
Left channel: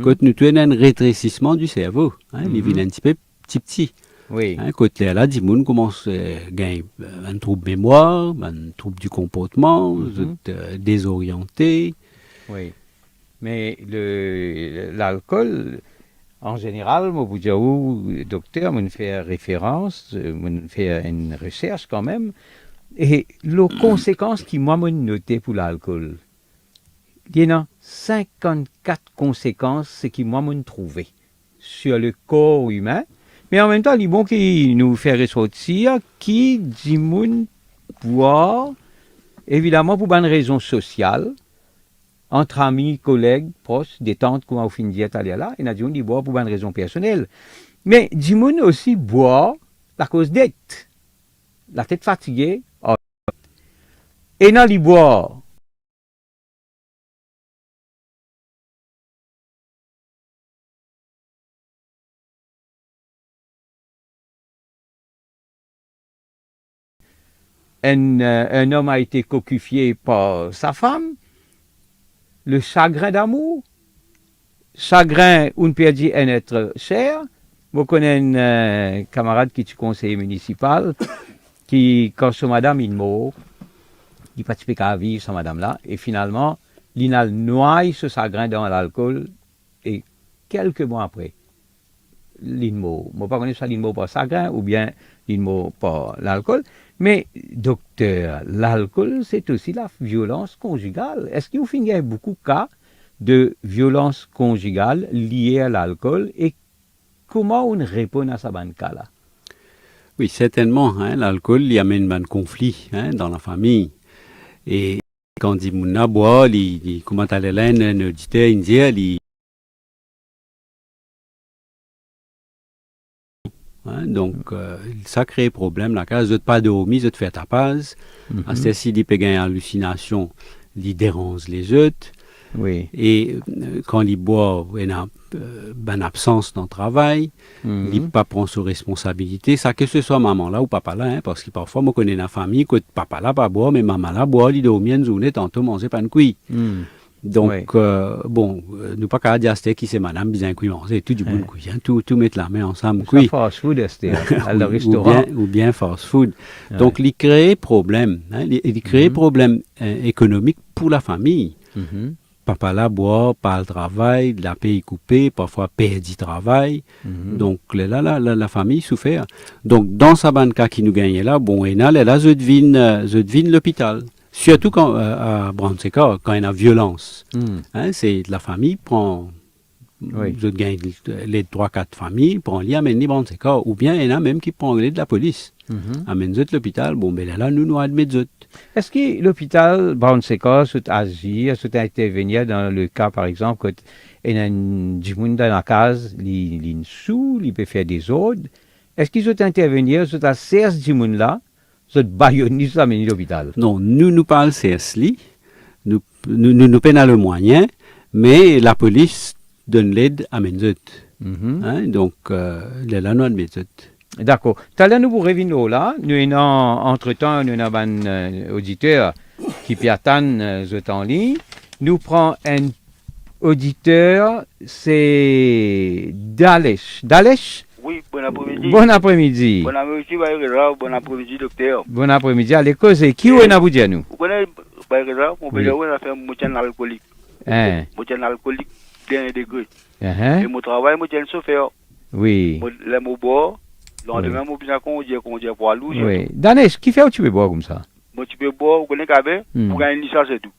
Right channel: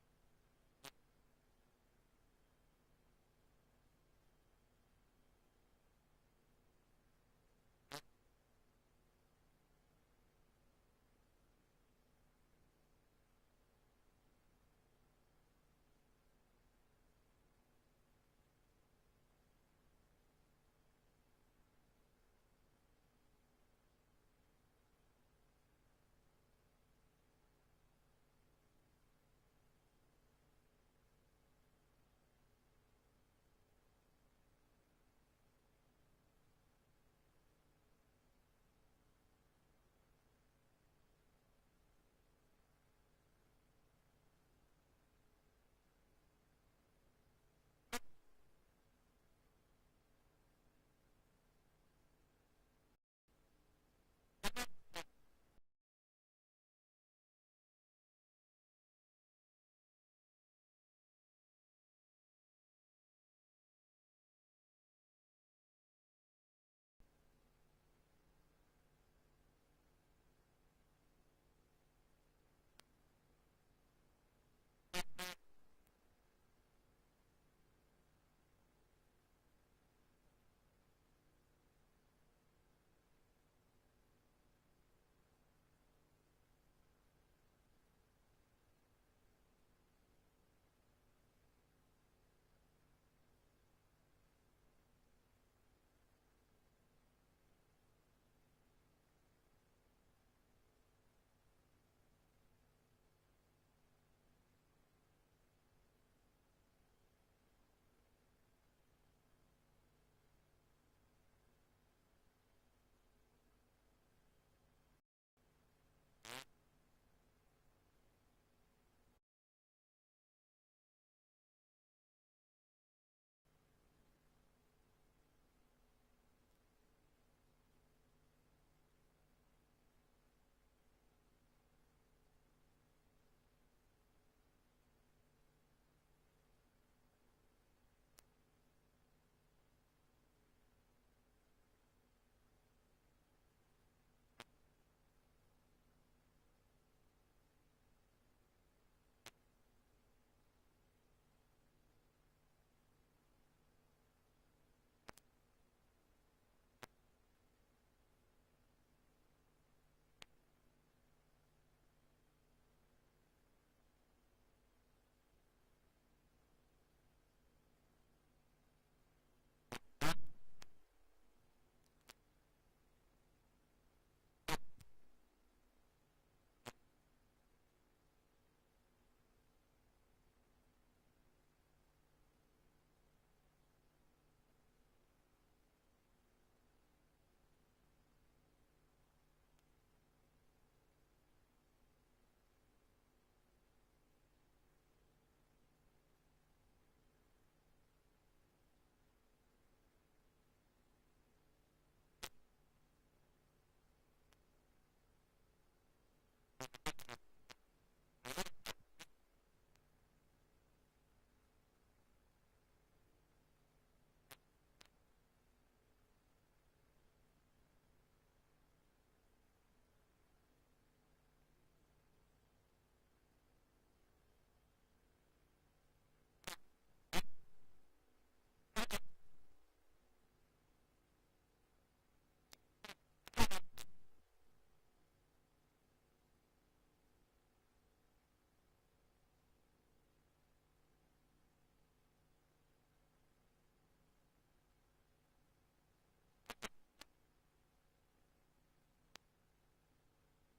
quand nous avons un rétrécissement du cerveau, il vient un petit peu petit. Oui. Quand là, des gens commencent à gagner un trouble de mémoire, un trouble du comportement, désorienté. Oui. Mais l'alcool, en général, moi, vous dites, docteur, on fait référence, on fait une recherche quand même, et les conséquences qui, moi, m'ont noté pour l'alcool, il y en a 54 conséquences qui, moi, m'ont trouvé sur le corps humain, mais en même temps, il est bon qui nous fait ressortir qui dit moun boire, évidemment, pour une raison sociale, entre amis, collègues, proches, détente, comme on finit d'y aller là, et nous dit boire pour une raison personnelle. Mais Dimoun aussi boire à cause d'être. La tête fatiguée, et dans les boire. Un homme a été cocufié par sa femme, le chagrin d'amour, chagrin où on perdit un être cher. Vous connaissez un camarade qui est conseiller municipal, qui, quand son madame est morte, il participait à vivre sa madame-là, et finalement, il a noyé ce chagrin dans l'alcool, et quelques mois après, il est mort. Je ne sais pas si il est mort par chagrin ou bien il est mort par l'alcool. Mais, docteur, l'alcool, c'est aussi la violence conjugale. Est-ce que vous finissez beaucoup de cas de violence conjugale liée à l'alcool et comment on répond à ce cas-là? Oui, certainement. L'alcool, il amène un conflit dans la famille. Et quand il dit qu'on boit, comment aller là, un auditeur, il dit, donc, ça crée problème. La case, je ne pas dormir, je te fais ta pause. À ce ci, il peut gagner hallucination, il dérange les autres. Oui. Et quand il boit, il a une absence dans le travail, il ne pas prend ses responsabilités. Ça, que ce soit maman là ou papa là, parce que parfois, moi, je connais la famille, que papa là, pas boire, mais maman là, boire, il dormit une journée, tantôt manger pas une couille. Donc, bon, nous pas qu'à dire qui c'est madame, bien cuit manger, tout du bon couille, tout mettre la main ensemble. Ça fast food, à le restaurant. Ou bien fast food. Donc, il crée problème, il crée problème économique pour la famille. Papa là boit, pas le travail, la paye coupée, parfois perd du travail. Donc, là, la famille souffre. Donc, dans sa banque qui nous gagne là, bon, et là, je devine l'hôpital. Surtout quand, à Brand-Séquard, quand il y a violence. C'est la famille prend Vous gagnez les 3-4 familles, pour les amener dans ces cas. Ou bien, il y en a même qui prennent de la police. Amène l'hôpital, bon, ben là, nous admettons. Est-ce que l'hôpital Brown-Séquard peut agir, peut intervenir dans le cas, par exemple, quand il y a du monde dans la case, il sous, il peut faire des ordres. Est-ce qu'ils peut intervenir, peut à serre du monde là, peut baïonner, ça amener l'hôpital? Non, nous parlons CSLI, nous peinons le moyen, mais la police donne l'aide à Menzut. Donc, là, nous admettons. D'accord. Tout à l'heure, nous vous revenons là. Nous avons, entre-temps, nous avons un auditeur qui peut attendre ce temps en ligne. Nous prenons un auditeur, c'est Dalesh. Dalesh? Oui, bon après-midi. Bon après-midi. Bon après-midi, bon après-midi, docteur. Bon après-midi. Allez, causer. Qui est vous dire nous? Vous connaissez, mon père, on a fait un moitié alcoolique. Moitié alcoolique, dernier degré. Et mon travail, moitié chauffeur. Oui. Les mots boire. Lendemain, moi, bien qu'on dit pour aller. Oui. Danesh, qui fait où tu peux boire comme ça? Moi, tu peux boire, vous connaissez qu'avec, pour gagner une licence et tout.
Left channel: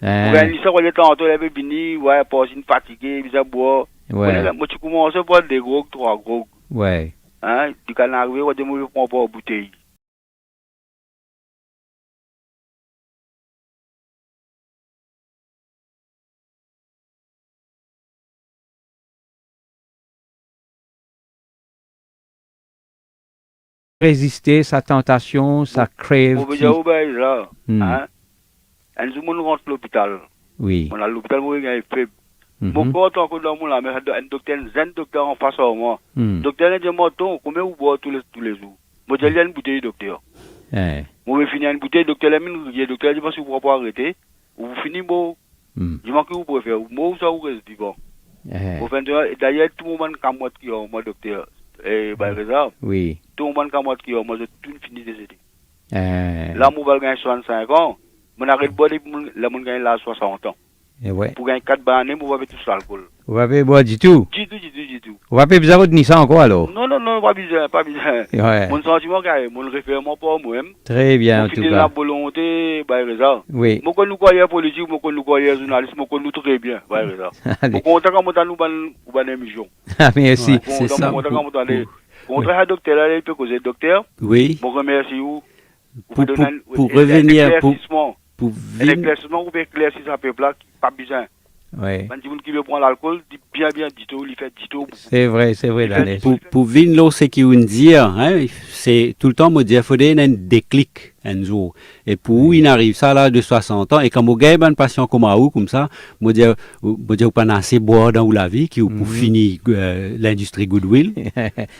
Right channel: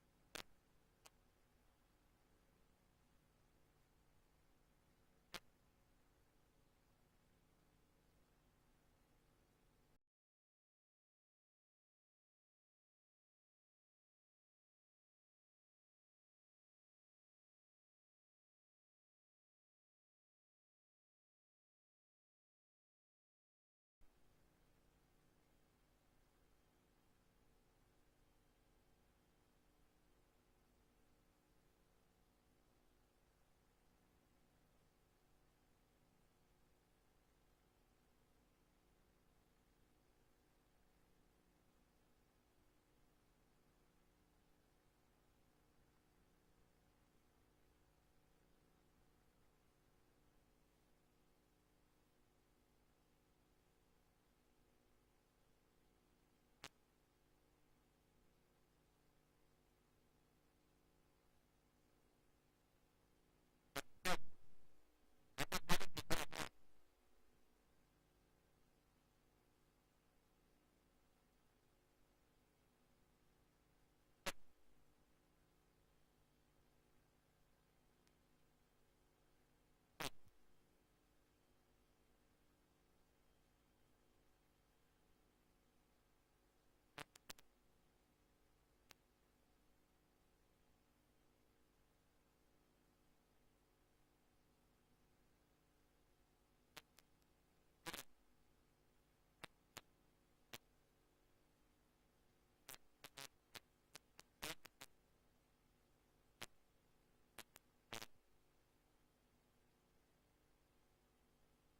Pour gagner une licence, on est tantôt, il est venu, ouais, passer une fatiguée, il boire. Ouais. Moi, tu commences à boire des gros, 3 gros. Ouais. Hein, du canard, on dit, moi, je prends pas une bouteille. Résister sa tentation, sa crève. On veut dire, là, hein, tout le monde rentre à l'hôpital. Oui. On a l'hôpital, moi, il est faible. Mon corps, tant que dans mon là, mais un docteur en face à moi. Docteur, il dit, moi, combien vous boivez tous les jours? Moi, j'ai une bouteille, docteur. Moi, je finis une bouteille, docteur, le docteur dit, si vous ne pouvez pas arrêter, vous finissez, bon, je manque que vous pouvez faire. Moi, ça vous reste vivant. D'ailleurs, tout le monde comme moi qui est moi, docteur. Et par exemple, oui. Tout le monde comme moi qui est moi, je tout fini décédé. Là, moi, je gagne 65 ans. Mon arrêt de boire, là, je gagne là 60 ans. Ouais. Pour gagner 4 bannes, vous avez tout l'alcool. Vous avez boire du tout? Du tout. Vous avez besoin de Nissan encore alors? Non, pas besoin. Ouais. Mon sentiment, mon référement pour moi-même. Très bien, en tout cas. La volonté, par exemple. Oui. Moi, quand nous croyons politique, moi, quand nous croyons journaliste, moi, quand nous très bien, par exemple. Moi, quand nous avons une émission. Ah, merci. C'est ça. Contre un docteur, il peut causer docteur. Oui. Je vous remercie. Pour revenir, pour un éclaircissement, vous pouvez éclaircir ça peuple là, pas besoin. Oui. Quand tu qui veut prendre l'alcool, dit bien, dit tout, il fait dit tout. C'est vrai, Daniel. Pour venir ce qui veut dire, hein, c'est tout le temps, me dire, il faudrait un déclic un jour. Et pour où il arrive ça là de 60 ans, et quand vous gagnez un patient comme vous, comme ça, me dire, vous pas assez boire dans la vie, qui pour finir l'industrie Goodwill.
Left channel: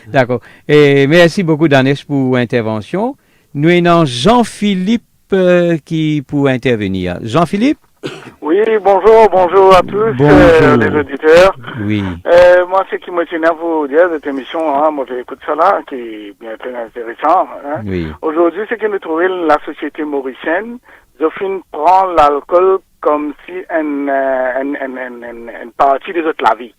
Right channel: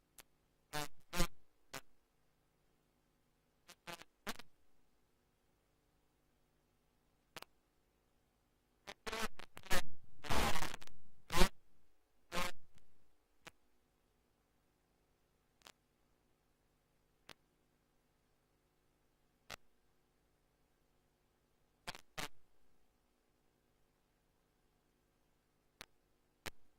D'accord. Et merci beaucoup, Daniel, pour l'intervention. Nous avons Jean-Philippe qui pour intervenir. Jean-Philippe? Oui, bonjour à tous les auditeurs. Oui. Moi, ce qui me tenait à vous dire, cette émission, moi j'écoute ça là, qui est bien très intéressant. Hein. Oui. Aujourd'hui, c'est que nous trouvons la société mauricienne, Zophine prend l'alcool comme si une partie de notre la vie.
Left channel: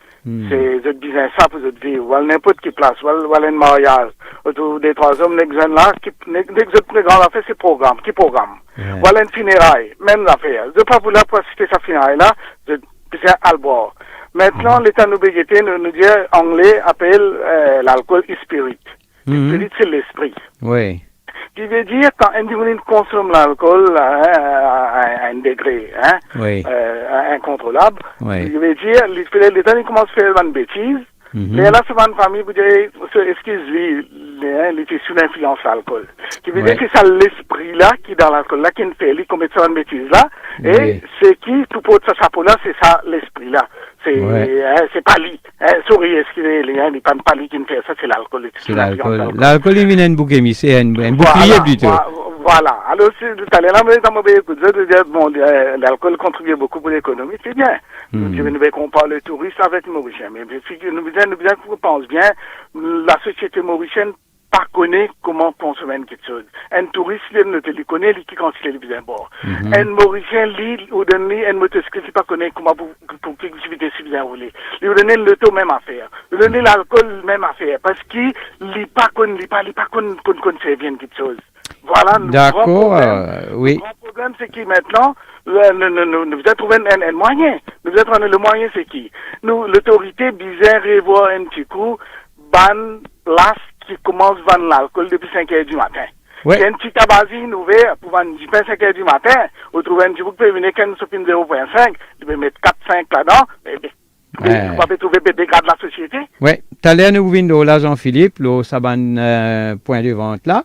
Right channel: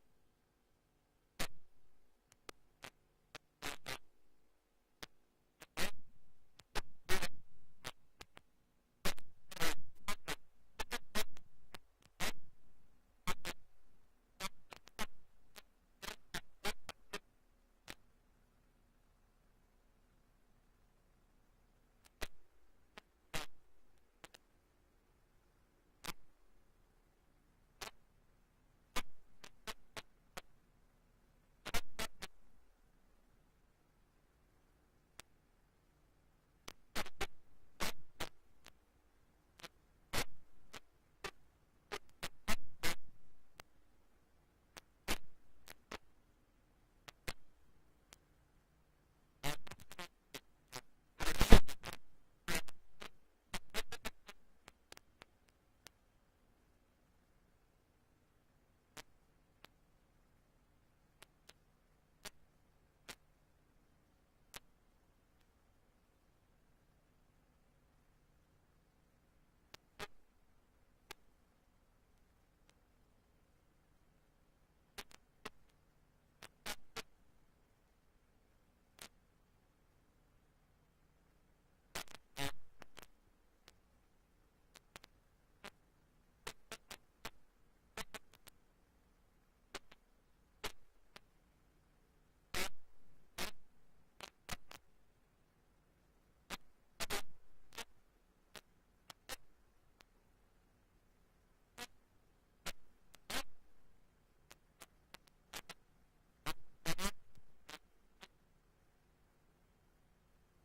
C'est notre business, ça pour notre vie, ou à n'importe quelle place, ou à un mariage. Autour des 3 hommes, les jeunes là, notre plus grande affaire, c'est programme, qui programme. Ou à une funéraille, même l'affaire. Je ne veux pas vouloir assister à sa funéraille là, je besoin à le boire. Maintenant, l'État nous bégueté, nous dit, anglais appelle l'alcool spirit. Spirit, c'est l'esprit. Oui. Qui veut dire quand un individu consomme l'alcool à un degré incontrôlable, il veut dire l'État commence à faire une bêtise. Mais là, c'est une famille vous direz, excuse-lui, il est sous l'influence de l'alcool. Qui veut dire que c'est l'esprit là qui est dans l'alcool là qui fait, il commet ça une bêtise là. Et c'est qui, tout pour ça chapeau là, c'est ça l'esprit là. C'est pas lui. Souris, excusez-le, il n'est pas lui qui me fait ça, c'est l'alcool. C'est l'alcool. L'alcool, il vient un bouclier, c'est un bouclier plutôt. Voilà. Alors, si tout à l'heure, dans mon pays, l'alcool contribue beaucoup pour l'économie, c'est bien. Nous devons comparer le tourisme avec le Mauricien. Mais nous pensons bien, la société mauricienne pas connaît comment consommer quelque chose. Un touriste, il ne le connaît, il quand il est bien bord. Un Mauricien, ou donner un motocycliste, il pas connaît comment pour activité si bien rouler. Il donner l'auto, même affaire. Il donner l'alcool, même affaire. Parce qu'il n'est pas connu, bien quelque chose. Voilà. D'accord, oui. Le grand problème, c'est que maintenant, nous avons trouvé un moyen. Nous êtes le moyen, c'est qui? Nous, l'autorité, bizarre, revoir un petit coup, ban, las, qui commence à vendre l'alcool depuis 5 heures du matin. Ouais. Il y a un petit tabagie ouvert pour vendre du pain 5 heures du matin. Vous trouvez un petit bout qui peut venir qu'une sopine 0.5, tu peux mettre 4-5 là-dedans, vous pouvez trouver des dégâts de la société. Oui, tout à l'heure, nous venons là, Jean-Philippe, là, ça va un point de vente là.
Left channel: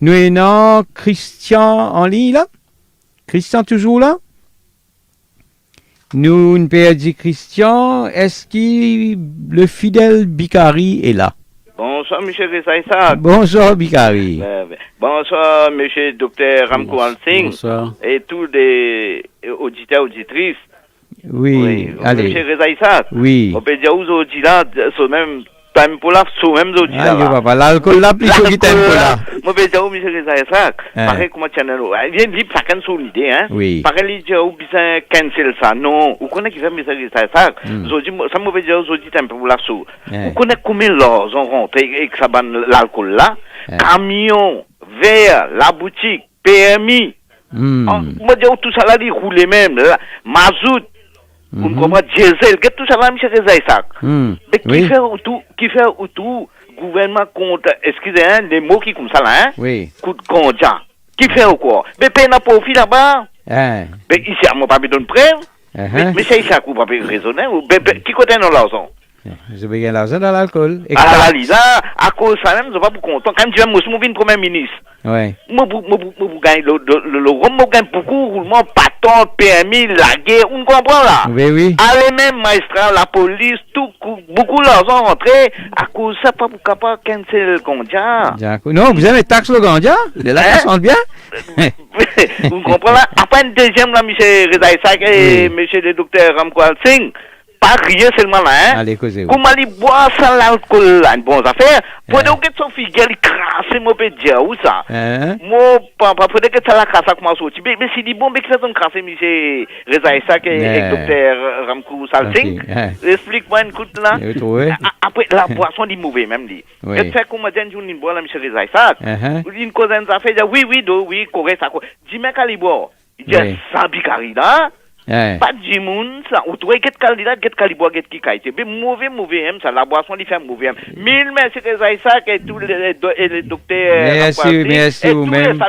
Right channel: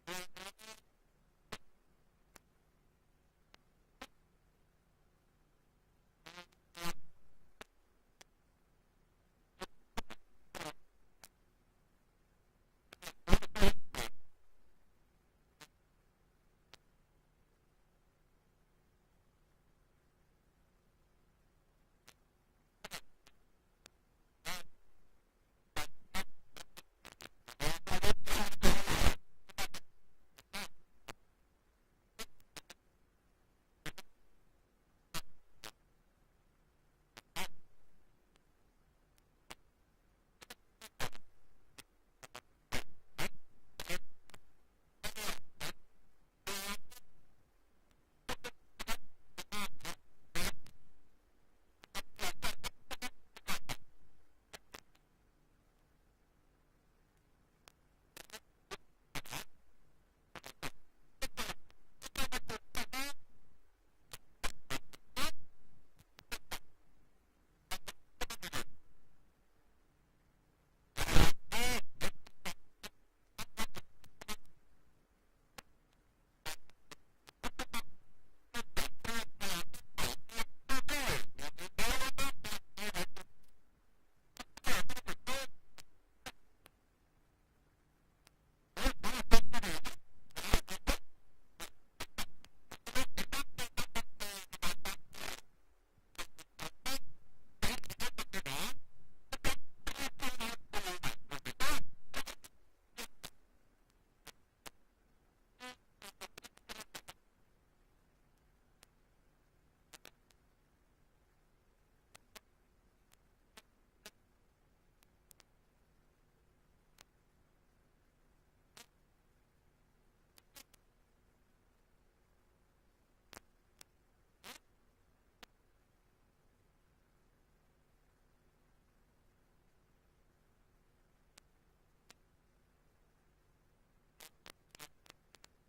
Nous avons Christian en ligne là. Christian toujours là? Nous ne pouvons dire Christian, est-ce que le fidèle Bicari est là? Bonsoir, M. Rezaïsa. Bonsoir, Bicari. Bonsoir, M. Dr. Ramko Singh. Bonsoir. Et tous les auditeurs, auditrices. Oui, allez. M. Rezaïsa. Oui. On peut dire aux auditeurs, c'est même time pour la, c'est même auditeurs. Ah, papa, l'alcool là, plus que time pour là. On peut dire aux M. Rezaïsa, pareil comme channel, il y a une vie, chacun son idée, hein. Oui. Pareil, il y a où besoin cancel ça. Non, vous connaissez qui fait M. Rezaïsa. Ça me veut dire aux auditeurs pour la sous. Vous connaissez combien l'or ont rentré et que ça ban l'alcool là? Camion, verre, la boutique, PMI. Moi, dire tout ça là, il roule même, mazout. Vous comprenez, diesel, tout ça là, M. Rezaïsa. Mais qui fait tout, gouvernement compte, excusez, hein, les mots qui comme ça là, hein? Oui. Coup de conja. Qui fait ou quoi? Mais paye n'a profit là-bas. Mais ici, à mon papi donne preuve. Mais c'est ça qu'on peut raisonner. Qui côté dans l'argent? Je vais gagner l'argent dans l'alcool. Ah la lisa, à cause ça même, je ne suis pas content. Quand tu vas me premier ministre. Ouais. Moi, gagne le rhum, moi gagne beaucoup, roulement, patron, PMI, la guerre, on comprend là. Oui, oui. Allez même, magistrat, la police, tout, beaucoup d'argent rentré, à cause ça, pas pour capable cancel le Gondia. Non, vous avez taxe le Gondia? Là, ça sent bien. Vous comprenez là? Après une deuxième, là, M. Rezaïsa et M. le docteur Ramko Singh. Pas rien seulement là, hein. Allez, causez. Comment aller boire sans l'alcool là, une bonne affaire. Pour dire que son figure, il crasse, moi, peut dire, où ça? Moi, papa, pour dire que ça la crasse, ça commence à sortir. Mais si dit bon, mais que ça donne crasse, M. Rezaïsa et le docteur Ramko Singh. Explique-moi une coup là. Après, la boisson, dit mauvais, même dit. Et fait comment dire, une boire, M. Rezaïsa. Une cause d'une affaire, oui, correct, ça. Dis-moi qu'elle y boit. Il dit, ça, Bicari là. Pas de monde, ça. Ou tu vois, quel candidat, quel calibre, quel qui a été. Mais mauvais, ça. La boisson, il fait mauvais. Mille merci, Rezaïsa, et tous les docteurs. Merci, vous-même.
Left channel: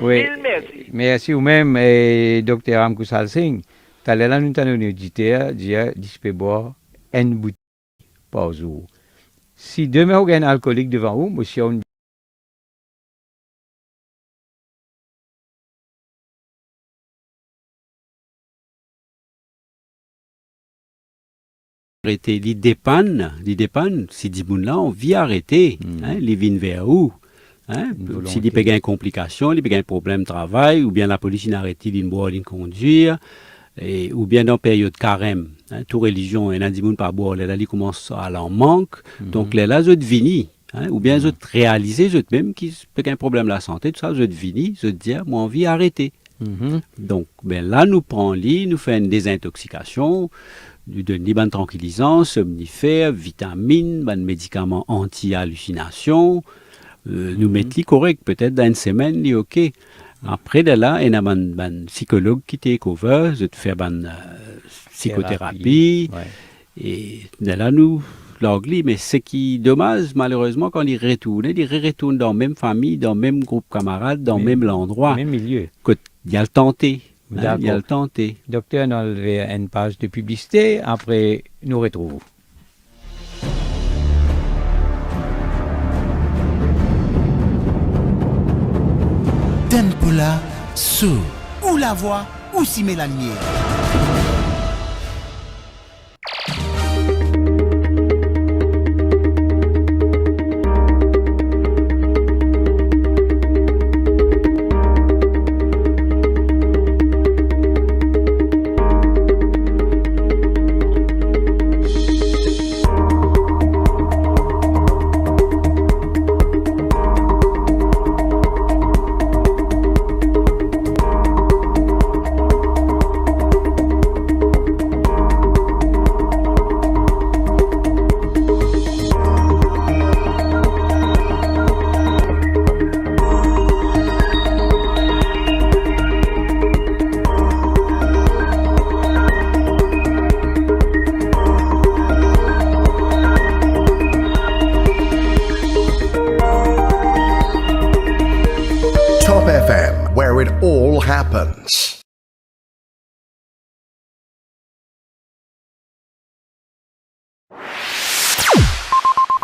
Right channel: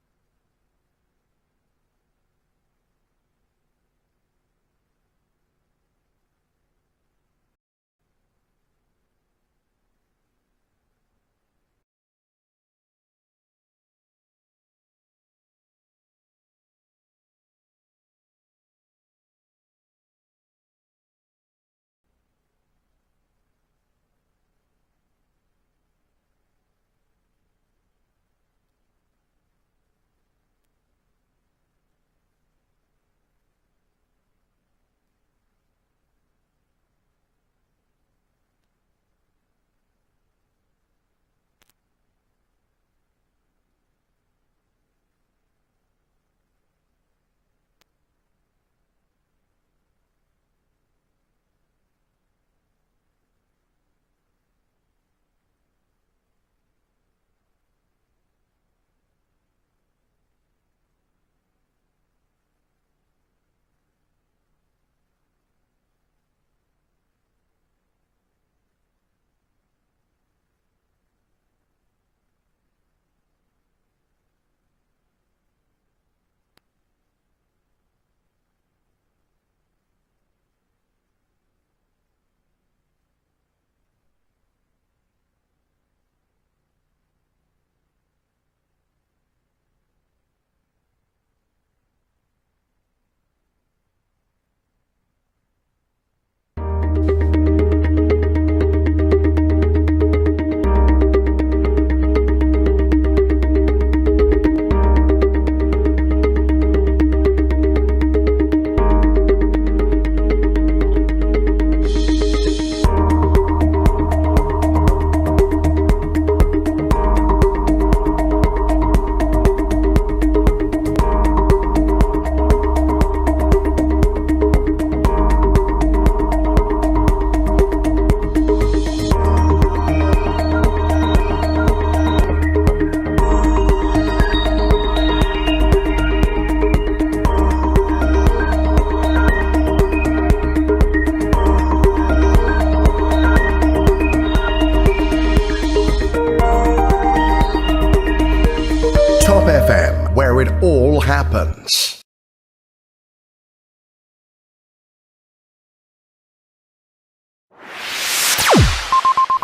Mille merci. Merci, vous-même, docteur Ramko Singh. Tu as là, nous avons un auditeur, dire, je peux boire une bouteille par jour. Si demain, vous avez un alcoolique devant vous, monsieur, on arrêter, il dépanne, si dit bon là, on vit arrêter, les vins vers où? Si il y a une complication, il y a un problème de travail, ou bien la police n'a arrêté d'une boire, d'une conduire, ou bien dans la période carême, toute religion, il y a des gens par boire, là, ils commencent à l'en manque, donc là, ils vini, ou bien ils réalisent eux-mêmes qu'ils ont un problème de la santé, tout ça, ils vini, ils disent, moi, on vit arrêter. Donc, ben là, nous prenons lit, nous faisons une désintoxication, nous donnons des bandes tranquillisants, somnifères, vitamines, des médicaments anti-hallucination, nous mettons les corrects, peut-être dans une semaine, les OK. Après, de là, il y a un psychologue qui te couvre, je te fais une psychothérapie, et de là, nous l'anglais, mais ce qui est dommage, malheureusement, quand ils retournent dans la même famille, dans le même groupe camarades, dans le même endroit. Même milieu. Il y a le tenté. Il y a le tenté. Docteur, on a enlevé une page de publicité. Après, nous retrouvons. Tempola, sous, ou la voix, ou si met la lumière.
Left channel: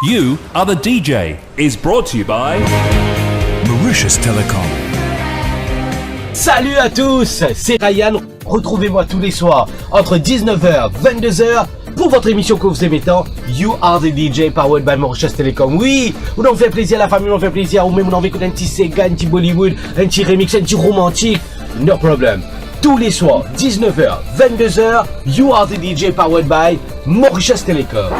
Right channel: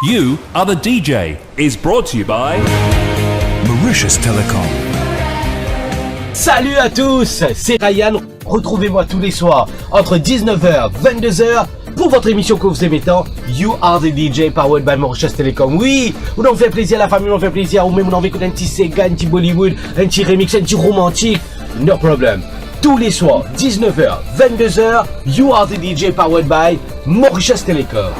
You Are the DJ is brought to you by Mauritius Telecom. Salut à tous, c'est Ryan. Retrouvez-moi tous les soirs entre 19h et 22h pour votre émission que vous aimez tant, You Are the DJ powered by Mauritius Telecom. Oui, on en fait plaisir à la famille, on en fait plaisir, ou même on en fait écouter un petit Sega, un petit Bollywood, un petit remix, un petit romantique. No problem. Tous les soirs, 19h, 22h, You Are the DJ powered by Mauritius Telecom.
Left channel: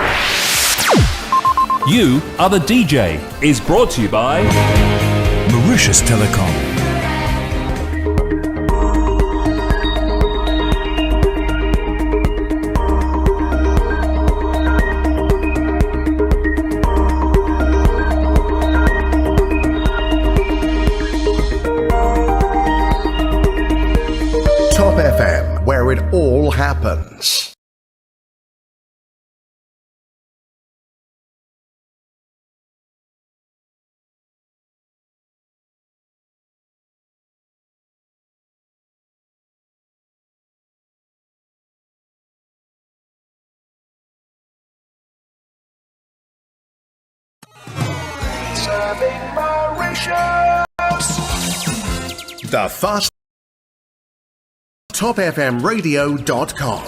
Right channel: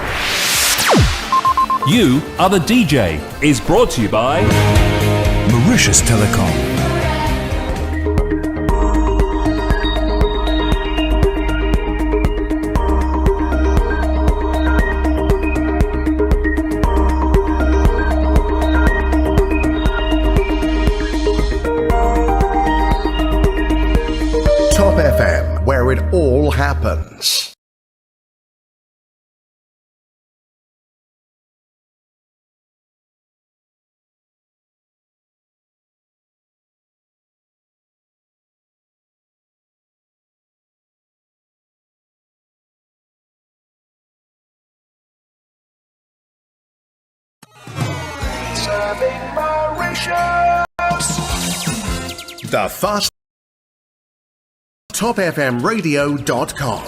You Are the DJ is brought to you by Mauritius Telecom. Top FM, where it all happens. Serving Mauritius. The fast topfmradio.com.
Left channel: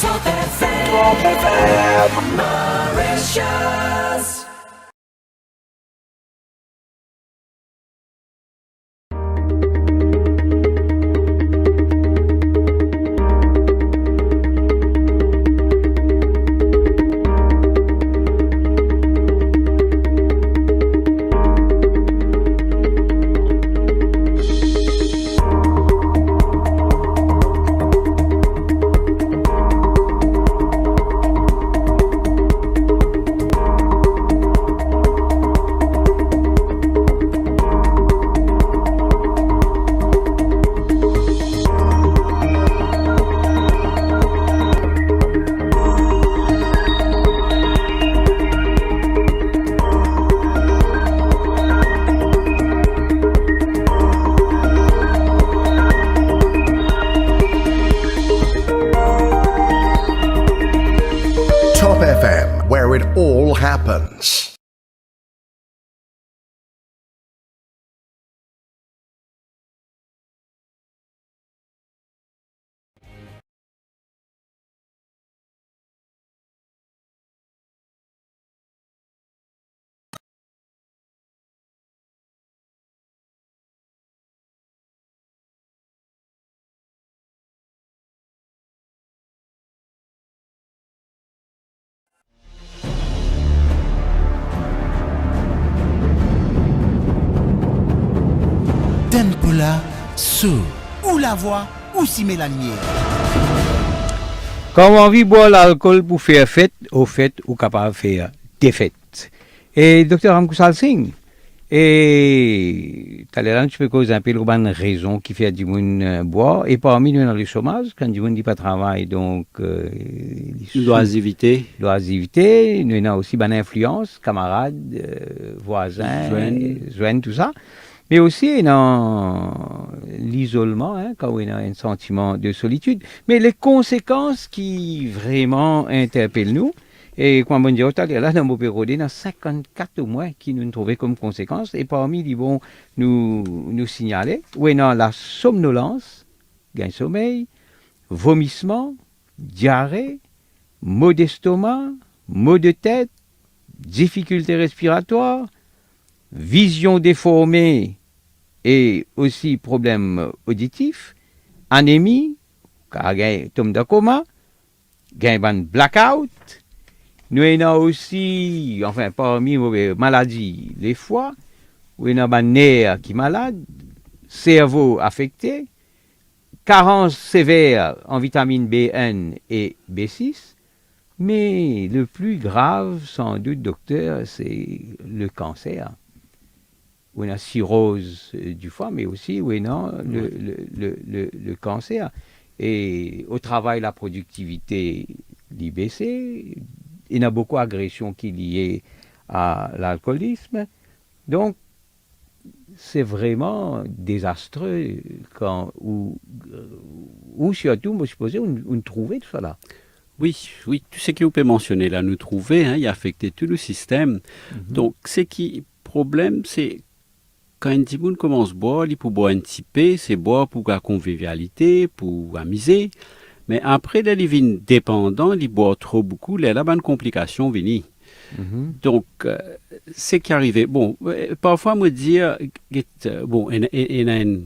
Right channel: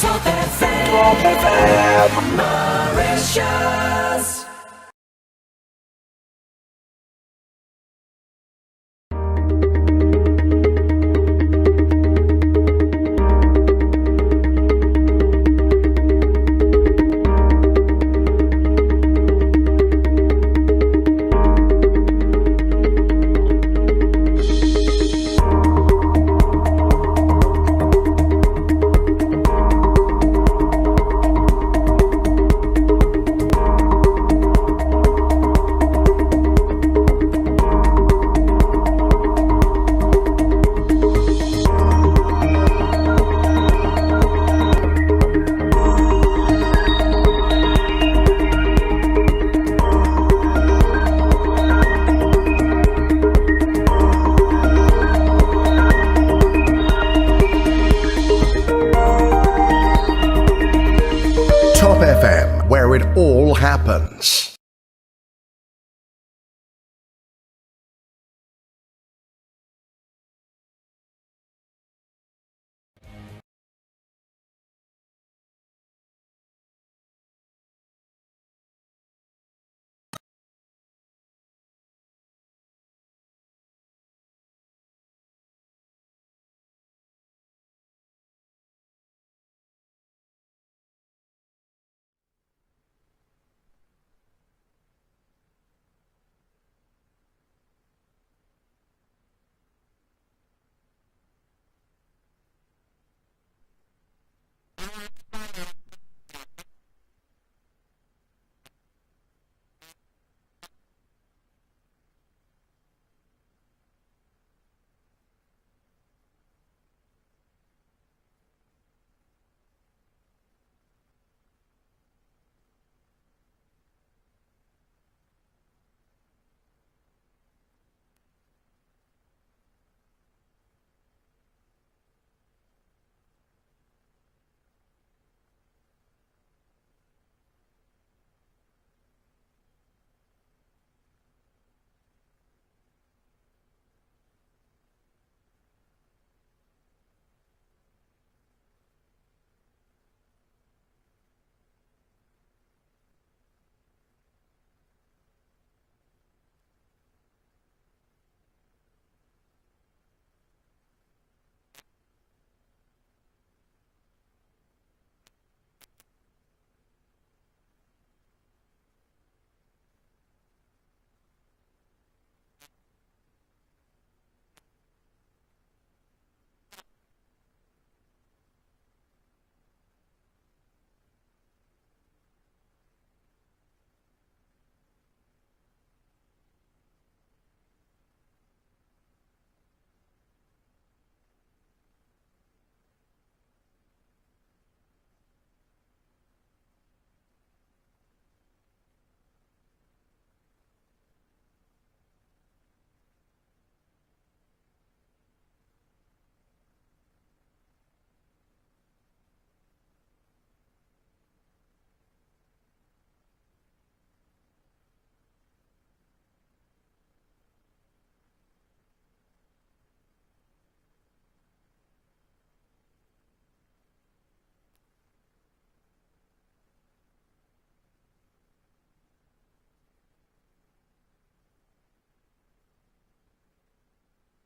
Top FM Mauritius. Top FM, where it all happens. Tempula sous. Ou la voix, ou si met la lumière. Quand on envie boire l'alcool pour faire fête, au fait, ou capable de faire des fêtes. Et Dr. Ramkusal Singh, et Talleyrand, je peux causer un peu de raison qui fait du monde boire. Et parmi nous, dans le chômage, quand du monde dit pas travail, donc. L'oisivité. L'oisivité, nous avons aussi une influence, camarades, voisins, joints, tout ça. Mais aussi dans l'isolement, quand on a un sentiment de solitude. Mais les conséquences qui vraiment interpellent nous, et comme on dit, là, dans mon bureau, il y a 54 au moins qui nous trouvaient comme conséquences. Et parmi ils vont nous signaler, où il y a la somnolence, gain sommeil, vomissement, diarrhée, maux d'estomac, maux de tête, difficultés respiratoires, vision déformée et aussi problèmes auditifs, anémie, tombe de coma, blackout. Nous avons aussi, enfin parmi les maladies, les foies, où il y a un nerf qui est malade, cerveau affecté, carence sévère en vitamine B1 et B6, mais le plus grave, sans doute, docteur, c'est le cancer. Où il y a cirrhose du foie, mais aussi où il y a le cancer. Et au travail, la productivité baissée. Il y a beaucoup d'agressions qui sont liées à l'alcoolisme. Donc, c'est vraiment désastreux ou surtout, moi, je suppose, on trouvait tout ça là. Oui, oui, tout ce que vous pouvez mentionner là, nous trouver, il affecte tout le système. Donc, ce qui problème, c'est quand un petit monde commence à boire, il peut boire un petit peu, c'est boire pour la convivialité, pour amuser. Mais après, là, il devient dépendant, il boit trop beaucoup, là, une complication vient. Donc, c'est qui arrive. Bon, parfois, me dire, bon, il y a une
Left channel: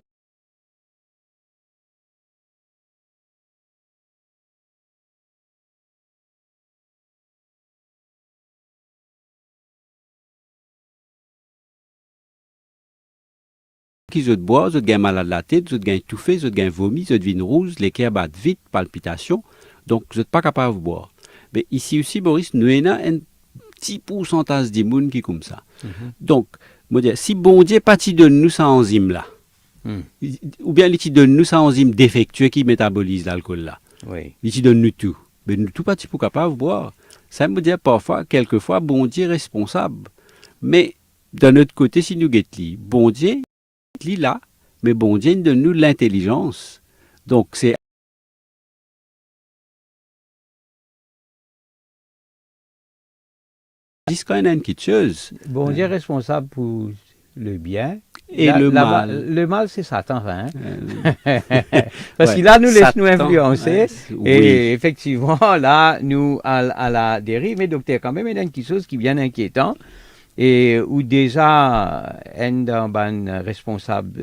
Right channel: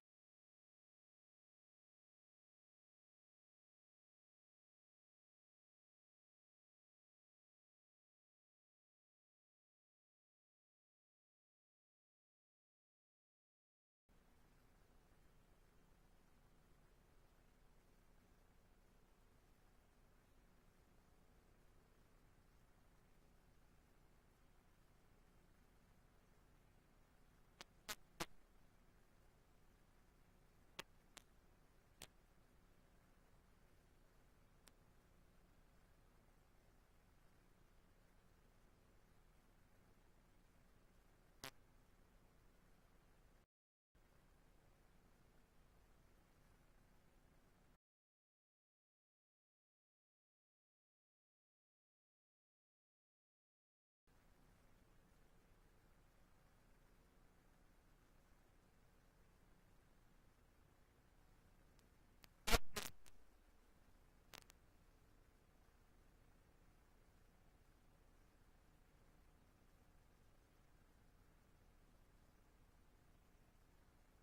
qui se boit, se gagne malade de la tête, se gagne étouffé, se gagne vomi, se devine rouge, les cœurs battent vite, palpitations, donc vous n'êtes pas capable de boire. Mais ici aussi, Boris, nous avons un petit pourcentage de monde qui est comme ça. Donc, moi dire, si bon Dieu pas donne nous cette enzyme là, ou bien il donne nous cette enzyme défectueux qui métabolise l'alcool là, il donne nous tout, mais nous tout pas pour capable de boire. Ça me dit parfois, quelquefois, bon Dieu est responsable. Mais d'un autre côté, si nous guettons, bon Dieu là, mais bon Dieu donne-nous l'intelligence. Donc, c'est quand même une petite chose. Bon Dieu est responsable pour le bien. Et le mal. Le mal, c'est Satan. Parce qu'il là, nous laisse nous influencer. Et effectivement, là, nous, à la dérive, mais docteur, quand même, il y a une chose qui est bien inquiétant. Et où déjà, un responsable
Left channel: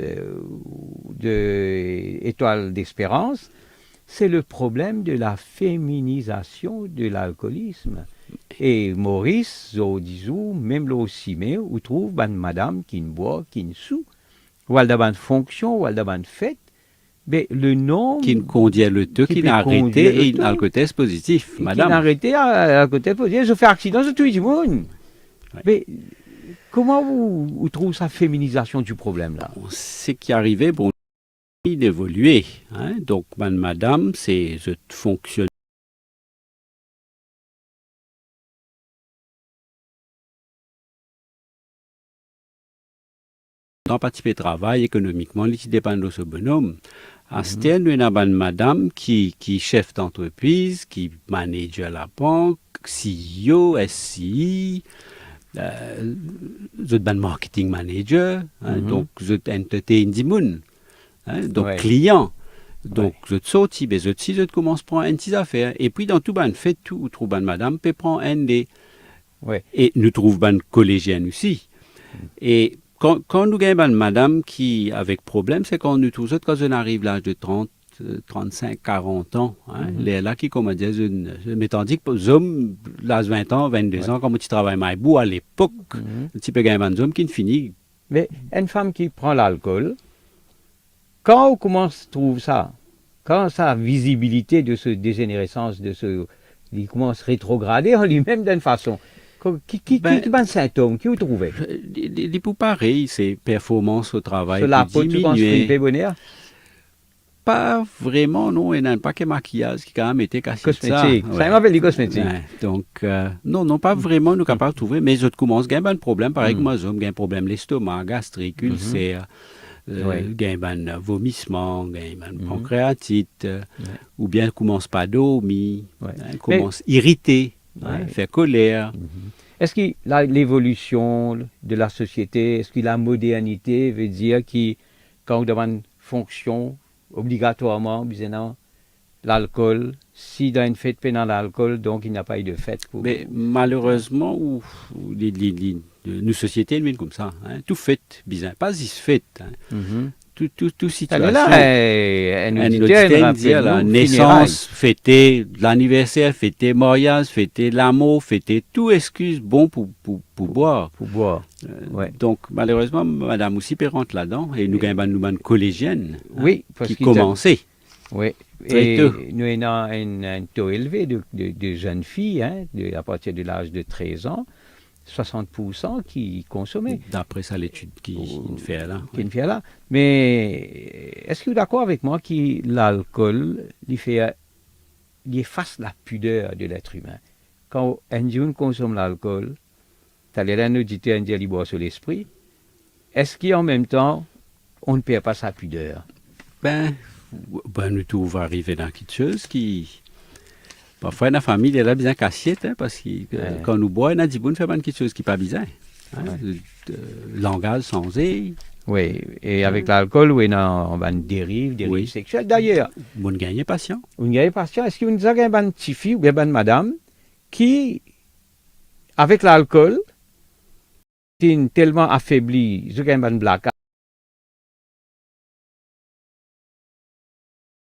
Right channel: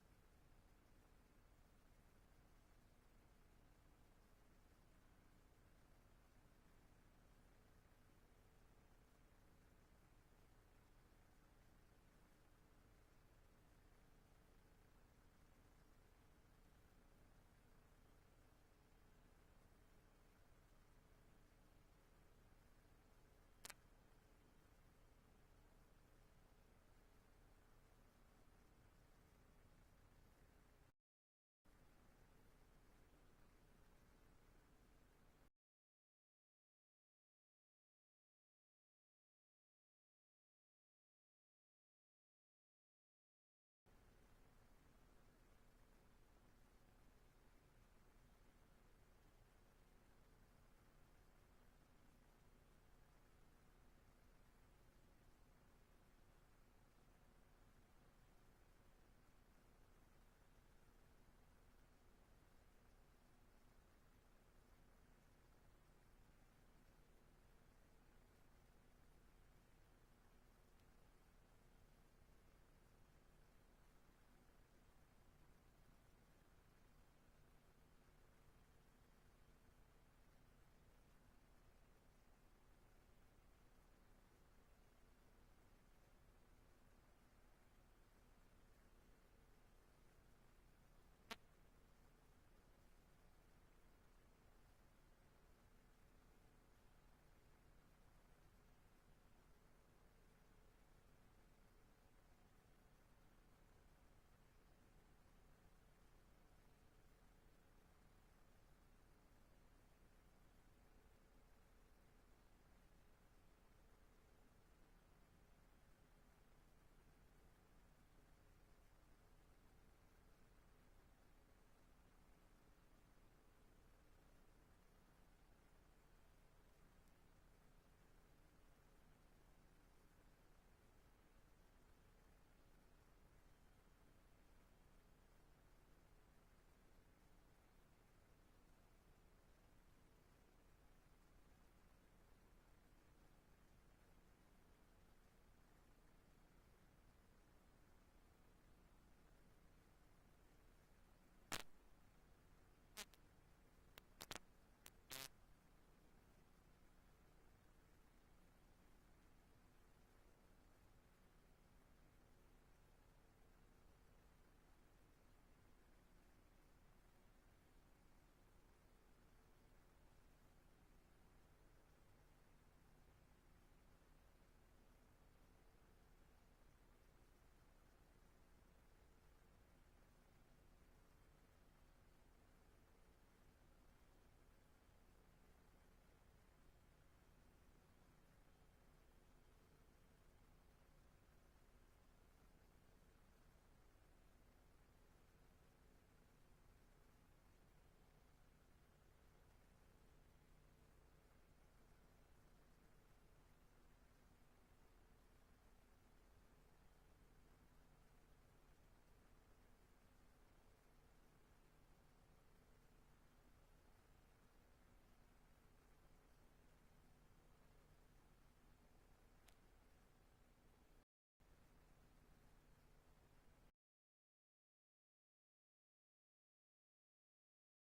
de Étoile d'Espérance, c'est le problème de la féminisation de l'alcoolisme. Et Maurice, Zodizou, même là aussi, mais où trouve une madame qui ne boit, qui ne sou, ou elle a une fonction, ou elle a une fête, mais le nom... Qui ne conduit le tout, qui n'a arrêté et une alcotest positif, madame. Qui n'a arrêté à alcotest positif, je fais accident, je tue du monde. Mais comment vous trouvez sa féminisation du problème là? Ce qui arrivait, bon, d'évoluer. Donc, madame, c'est je fonctionne. Dans participer au travail économiquement, il dépend de ce bonhomme. À ce temps, nous avons une madame qui est chef d'entreprise, qui manage la banque, CEO, SCI. Vous êtes un marketing manager, donc vous êtes entertain du monde, donc client. Donc vous êtes sorti, vous êtes commencez à prendre une petite affaire. Et puis dans tout ban fait tout, vous trouvez une madame peut prendre un des. Et nous trouvons une collégienne aussi. Et quand nous avons une madame qui avec problème, c'est quand nous trouvons quand on arrive à l'âge de 30, 35, 40 ans, les là qui, comme on dit, mais tandis que les hommes, l'âge 20 ans, 22 ans, comme tu travailles maïbou, à l'époque, un petit peu gagné un homme qui ne finit. Mais une femme qui prend l'alcool, quand on commence à trouver ça, quand sa visibilité de ce dégénérescence, il commence à rétrograder en lui-même d'une façon, qui est un symptôme, qui vous trouvez? Il pour pareil, c'est performance au travail. Cela peut diminuer. Bonheur? Pas vraiment, non. Il n'y a pas que maquillage qui quand même été cassé. Cosmétique. Ça m'appelle les cosmétiques. Donc, non, pas vraiment, nous sommes capables de trouver. Mais je commence à avoir un problème. Pareil que moi, j'ai un problème l'estomac, gastrique, ulcère, j'ai un vomissement, j'ai un pancréatite, ou bien commence pas dormir, commence irriter, faire colère. Est-ce que l'évolution de la société, est-ce que la modernité veut dire que quand on demande fonction, obligatoirement, l'alcool, si dans une fête pendant l'alcool, donc il n'y a pas eu de fête. Mais malheureusement, nos sociétés, elles comme ça. Tout fête, bizarre. Pas si fête. Tout situation. Là, la naissance, fêter, l'anniversaire, fêter, mariage, fêter l'amour, fêter, tout excuse bon pour boire. Pour boire. Donc, malheureusement, madame aussi peut rentrer là-dedans. Et nous avons une collégienne qui commençait. Oui, et nous avons un taux élevé de jeunes filles, à partir de l'âge de 13 ans. 60% qui consommaient. D'après ça, l'étude qui fait là. Mais est-ce que vous êtes d'accord avec moi que l'alcool, il efface la pudeur de l'être humain? Quand un jeune consomme l'alcool, tu as l'air d'un auditeur qui boit sur l'esprit, est-ce qu'en même temps, on ne perd pas sa pudeur? Nous tout va arriver dans quelque chose qui... Parfois, la famille, elle a bien cassiette, parce que quand nous boit, on a dit, bon, fait quelque chose qui n'est pas bizarre. Langage sensé. Oui, et avec l'alcool, on a une dérive sexuelle. D'ailleurs, on gagne patient. Est-ce que vous avez une petite fille ou bien une madame qui, avec l'alcool, est tellement affaiblie, je gagne une blague.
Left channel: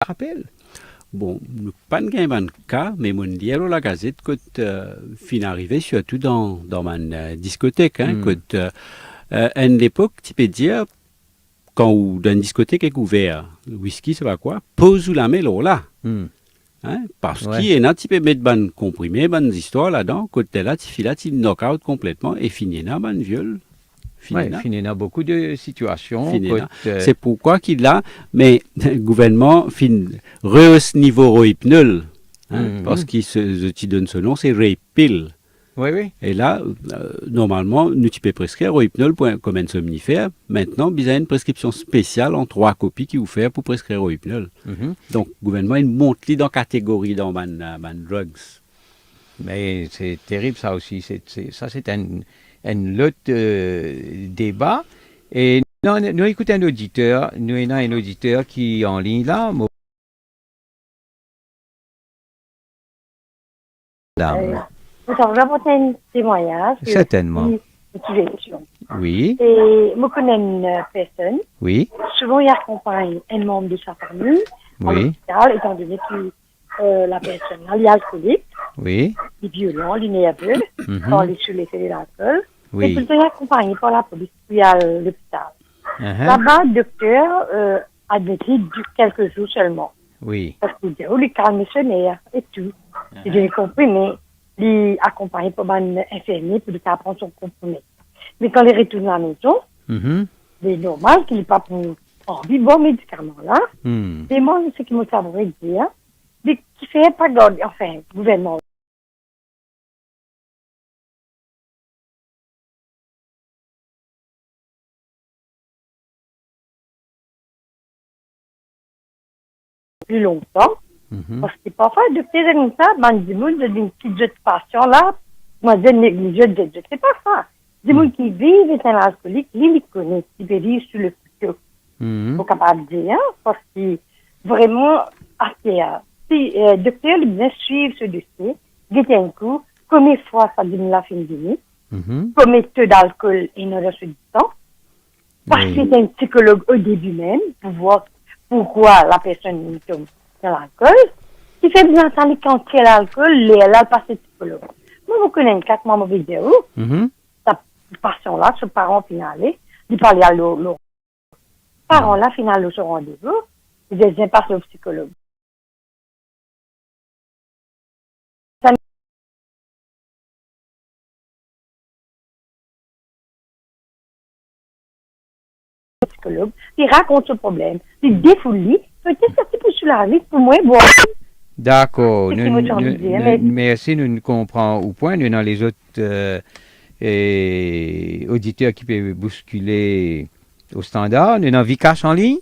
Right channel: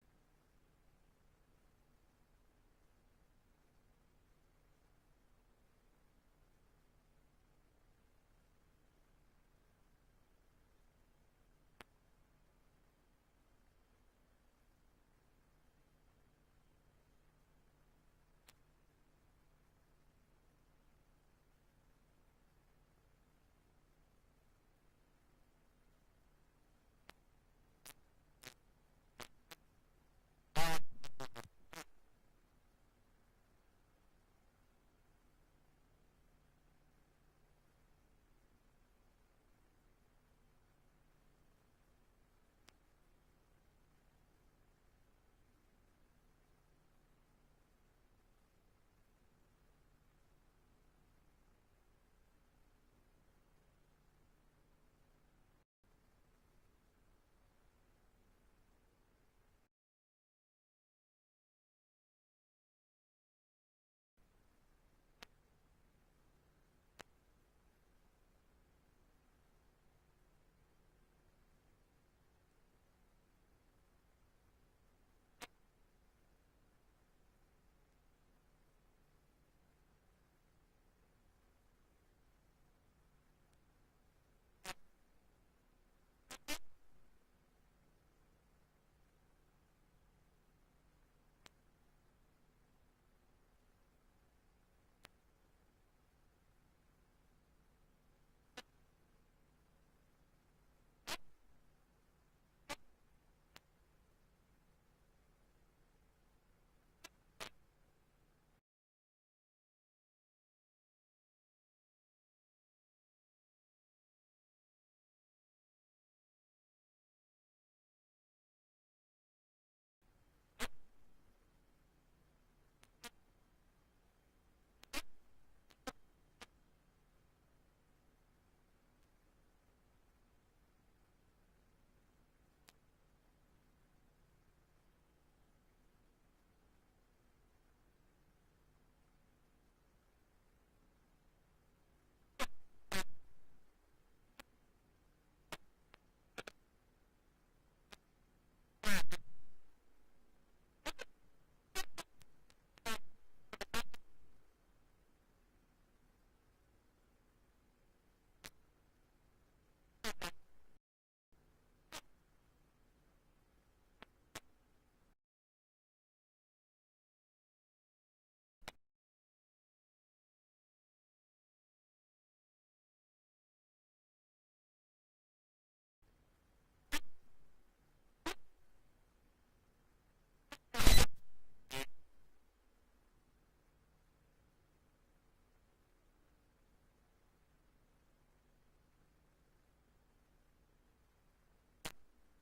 Rappel. Bon, pas de cas, mais mon dialogue la gazette quand fin arrivé surtout dans ma discothèque, quand à une époque, tu peux dire quand dans une discothèque est ouverte, whisky ça va quoi, pose ou la mélo là, parce qu'il y a tu peux mettre ban comprimé, ban histoire là-dedans, quand t'es là, tu files là, tu knock out complètement et finis là, ban viol. Finis dans beaucoup de situations. C'est pourquoi qu'il a, mais le gouvernement rehausse niveau rohypnol, parce qu'il te donne ce nom, c'est Raypil. Oui. Et là, normalement, nous tu peux prescrire rohypnol comme un somnifère. Maintenant, il y a une prescription spéciale en 3 copies qui vous fait pour prescrire rohypnol. Donc, le gouvernement, il monte dans la catégorie dans man drugs. Mais c'est terrible ça aussi. Ça, c'est un autre débat. Et nous écoutons un auditeur. Nous avons un auditeur qui est en ligne là. Je vais apporter un témoignage. Certainement. Oui. Et je connais une personne. Oui. Souvent, il accompagne un membre de sa famille à l'hôpital, étant donné que la personne elle est alcoolique, il est violent, il est nerveux, quand il est sur l'effet de l'alcool. Oui. Et tout est accompagné par la police, puis à l'hôpital. Là-bas, le docteur a décidé quelques jours seulement. Oui. Parce qu'il dit, il calme ses nerfs et tout. J'ai compris, mais il est accompagné par un infirmier pour qu'il prenne son comprimé. Mais quand il retourne à la maison, c'est normal qu'il n'ait pas pour envie de bon médicament là. Et moi, ce qui me savait dire, c'est qu'il ne fait pas garder, enfin, le gouvernement. Plus longtemps. Parce que parfois, le docteur comme ça, des gens de une petite patient là, moi je néglige, je sais pas ça. Des gens qui vivent étant alcooliques, ils connaissent, ils peuvent vivre sur le futur. Il faut capable de dire, parce que vraiment, si le docteur vient suivre ce dossier, guetter un coup, combien de fois ça donne la fin de vie, combien de taux d'alcool il y a dans ce temps, parce que c'est un psychologue au début même, pour voir pourquoi la personne tombe dans l'alcool, qui fait bien entendre quand il y a l'alcool, elle a passé psychologue. Moi, vous connaissez 4 mois de vidéo, sa patient-là, ce parent final, il parlait à l'autre. Parents-là, final, au rendez-vous, ils disaient pas au psychologue. Psychologue, il raconte ce problème, il défoule, peut-être que c'est pour cela, pour moi, bon. D'accord. Merci, nous comprenons au point. Nous dans les autres auditeurs qui peuvent bousculer au standard. Nous avons Vikas en ligne.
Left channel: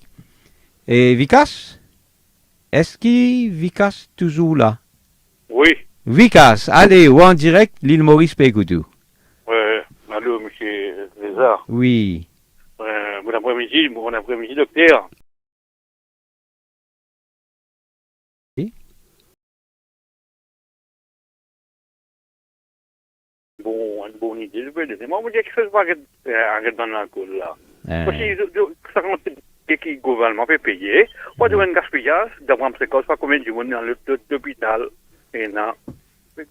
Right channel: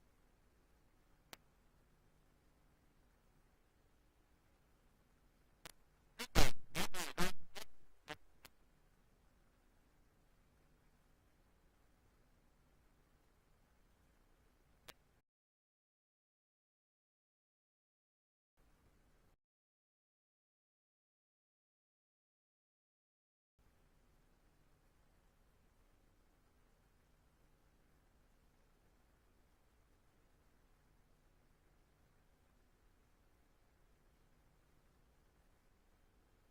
Et Vikas, est-ce que Vikas toujours là? Oui. Vikas, allez, ou en direct, l'île Maurice Pécoutou. Allô, monsieur Lézard. Oui. Bon après-midi, docteur. Une bonne idée. Je vais dire, moi, je dis que je ne vais pas arrêter dans l'alcool là. Parce que ça commence à que le gouvernement peut payer. Moi, je vais un gaspillage, d'avoir un précoce, pas combien de monde dans l'hôpital. Et non. Le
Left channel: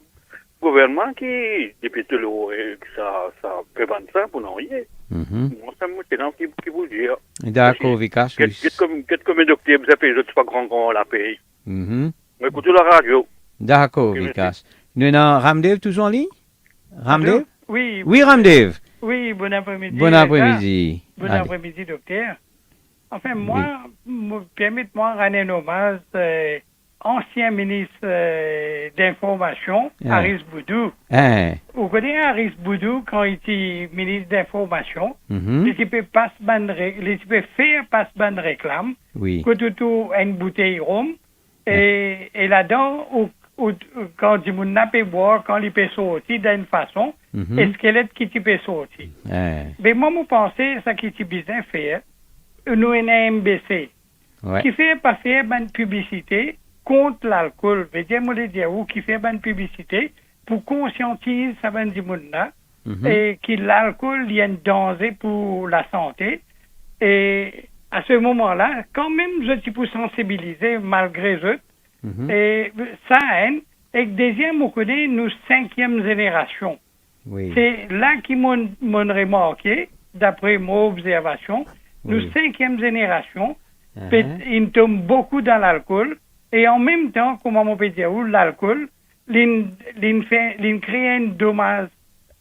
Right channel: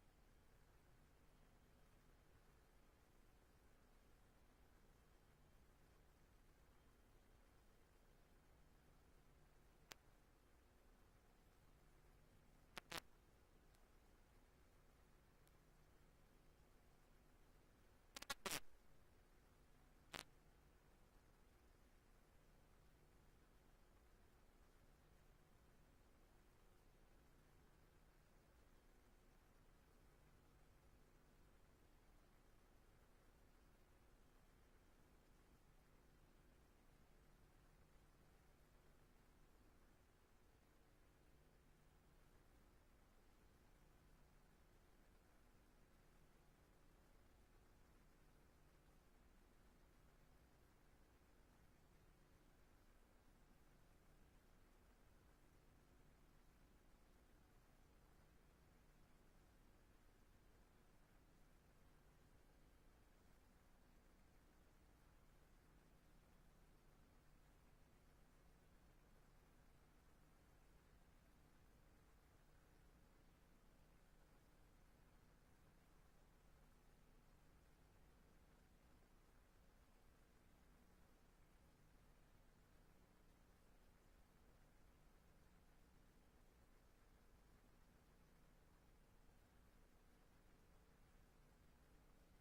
gouvernement qui, depuis tout le ça peut vendre ça pour non y est. Moi, ça me tient qui vous dire. D'accord, Vikas. Qu'est-ce que mes docteurs, vous avez pas grand la paye. Écoutez la radio. D'accord, Vikas. Nous avons Ramdev toujours en ligne? Ramdev? Oui. Oui, Ramdev. Oui, bon après-midi. Bon après-midi. Bon après-midi, docteur. Enfin, moi, permettez-moi de rendre un hommage ancien ministre d'information, Aris Boudou. Vous connaissez Aris Boudou quand il était ministre d'information? Les types faire passe bonne réclame. Oui. Que tout une bouteille rhum. Et là-dedans, quand du monde n'a pas boire, quand il peut sortir d'une façon, et squelette qui peut sortir. Mais moi, je pense que ça qui est bien fait, nous avons un MBC, qui fait pas faire une publicité contre l'alcool. Je veux dire, moi, qui fait une publicité pour conscientiser ça du monde là, et que l'alcool il y a un danger pour la santé. Et à ce moment-là, quand même, je suis pour sensibiliser malgré eux. Et ça, et deuxième, on connaît nous 5e génération. C'est là qu'ils m'ont remarqué, d'après mon observation, nous 5e génération, ils tombent beaucoup dans l'alcool. Et en même temps, comment on peut dire, l'alcool, il crée un dommage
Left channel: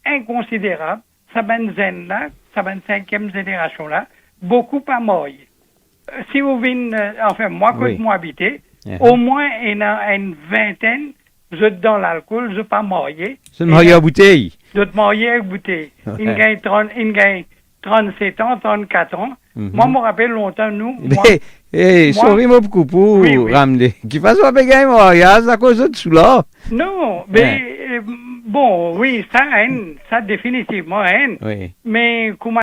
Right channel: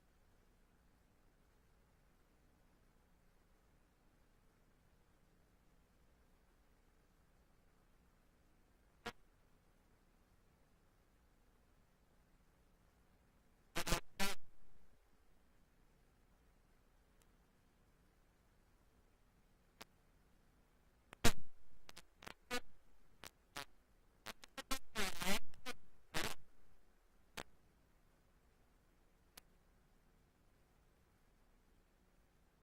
inconsidérable. Ça ben zen là, ça ben 5e génération là, beaucoup pas mort. Si vous venez, enfin moi quand moi habité, au moins il y a une vingtaine, je dans l'alcool, je pas marié. Je marié à bouteille. Je marié à bouteille. Il gagne 37 ans, 34 ans. Moi, je me rappelle longtemps, nous. Sorry, mon beaucoup pour ramener. Qui fasse pas gagner mariage à cause de tout là. Non, mais bon, oui, ça définitivement, oui. Mais comment.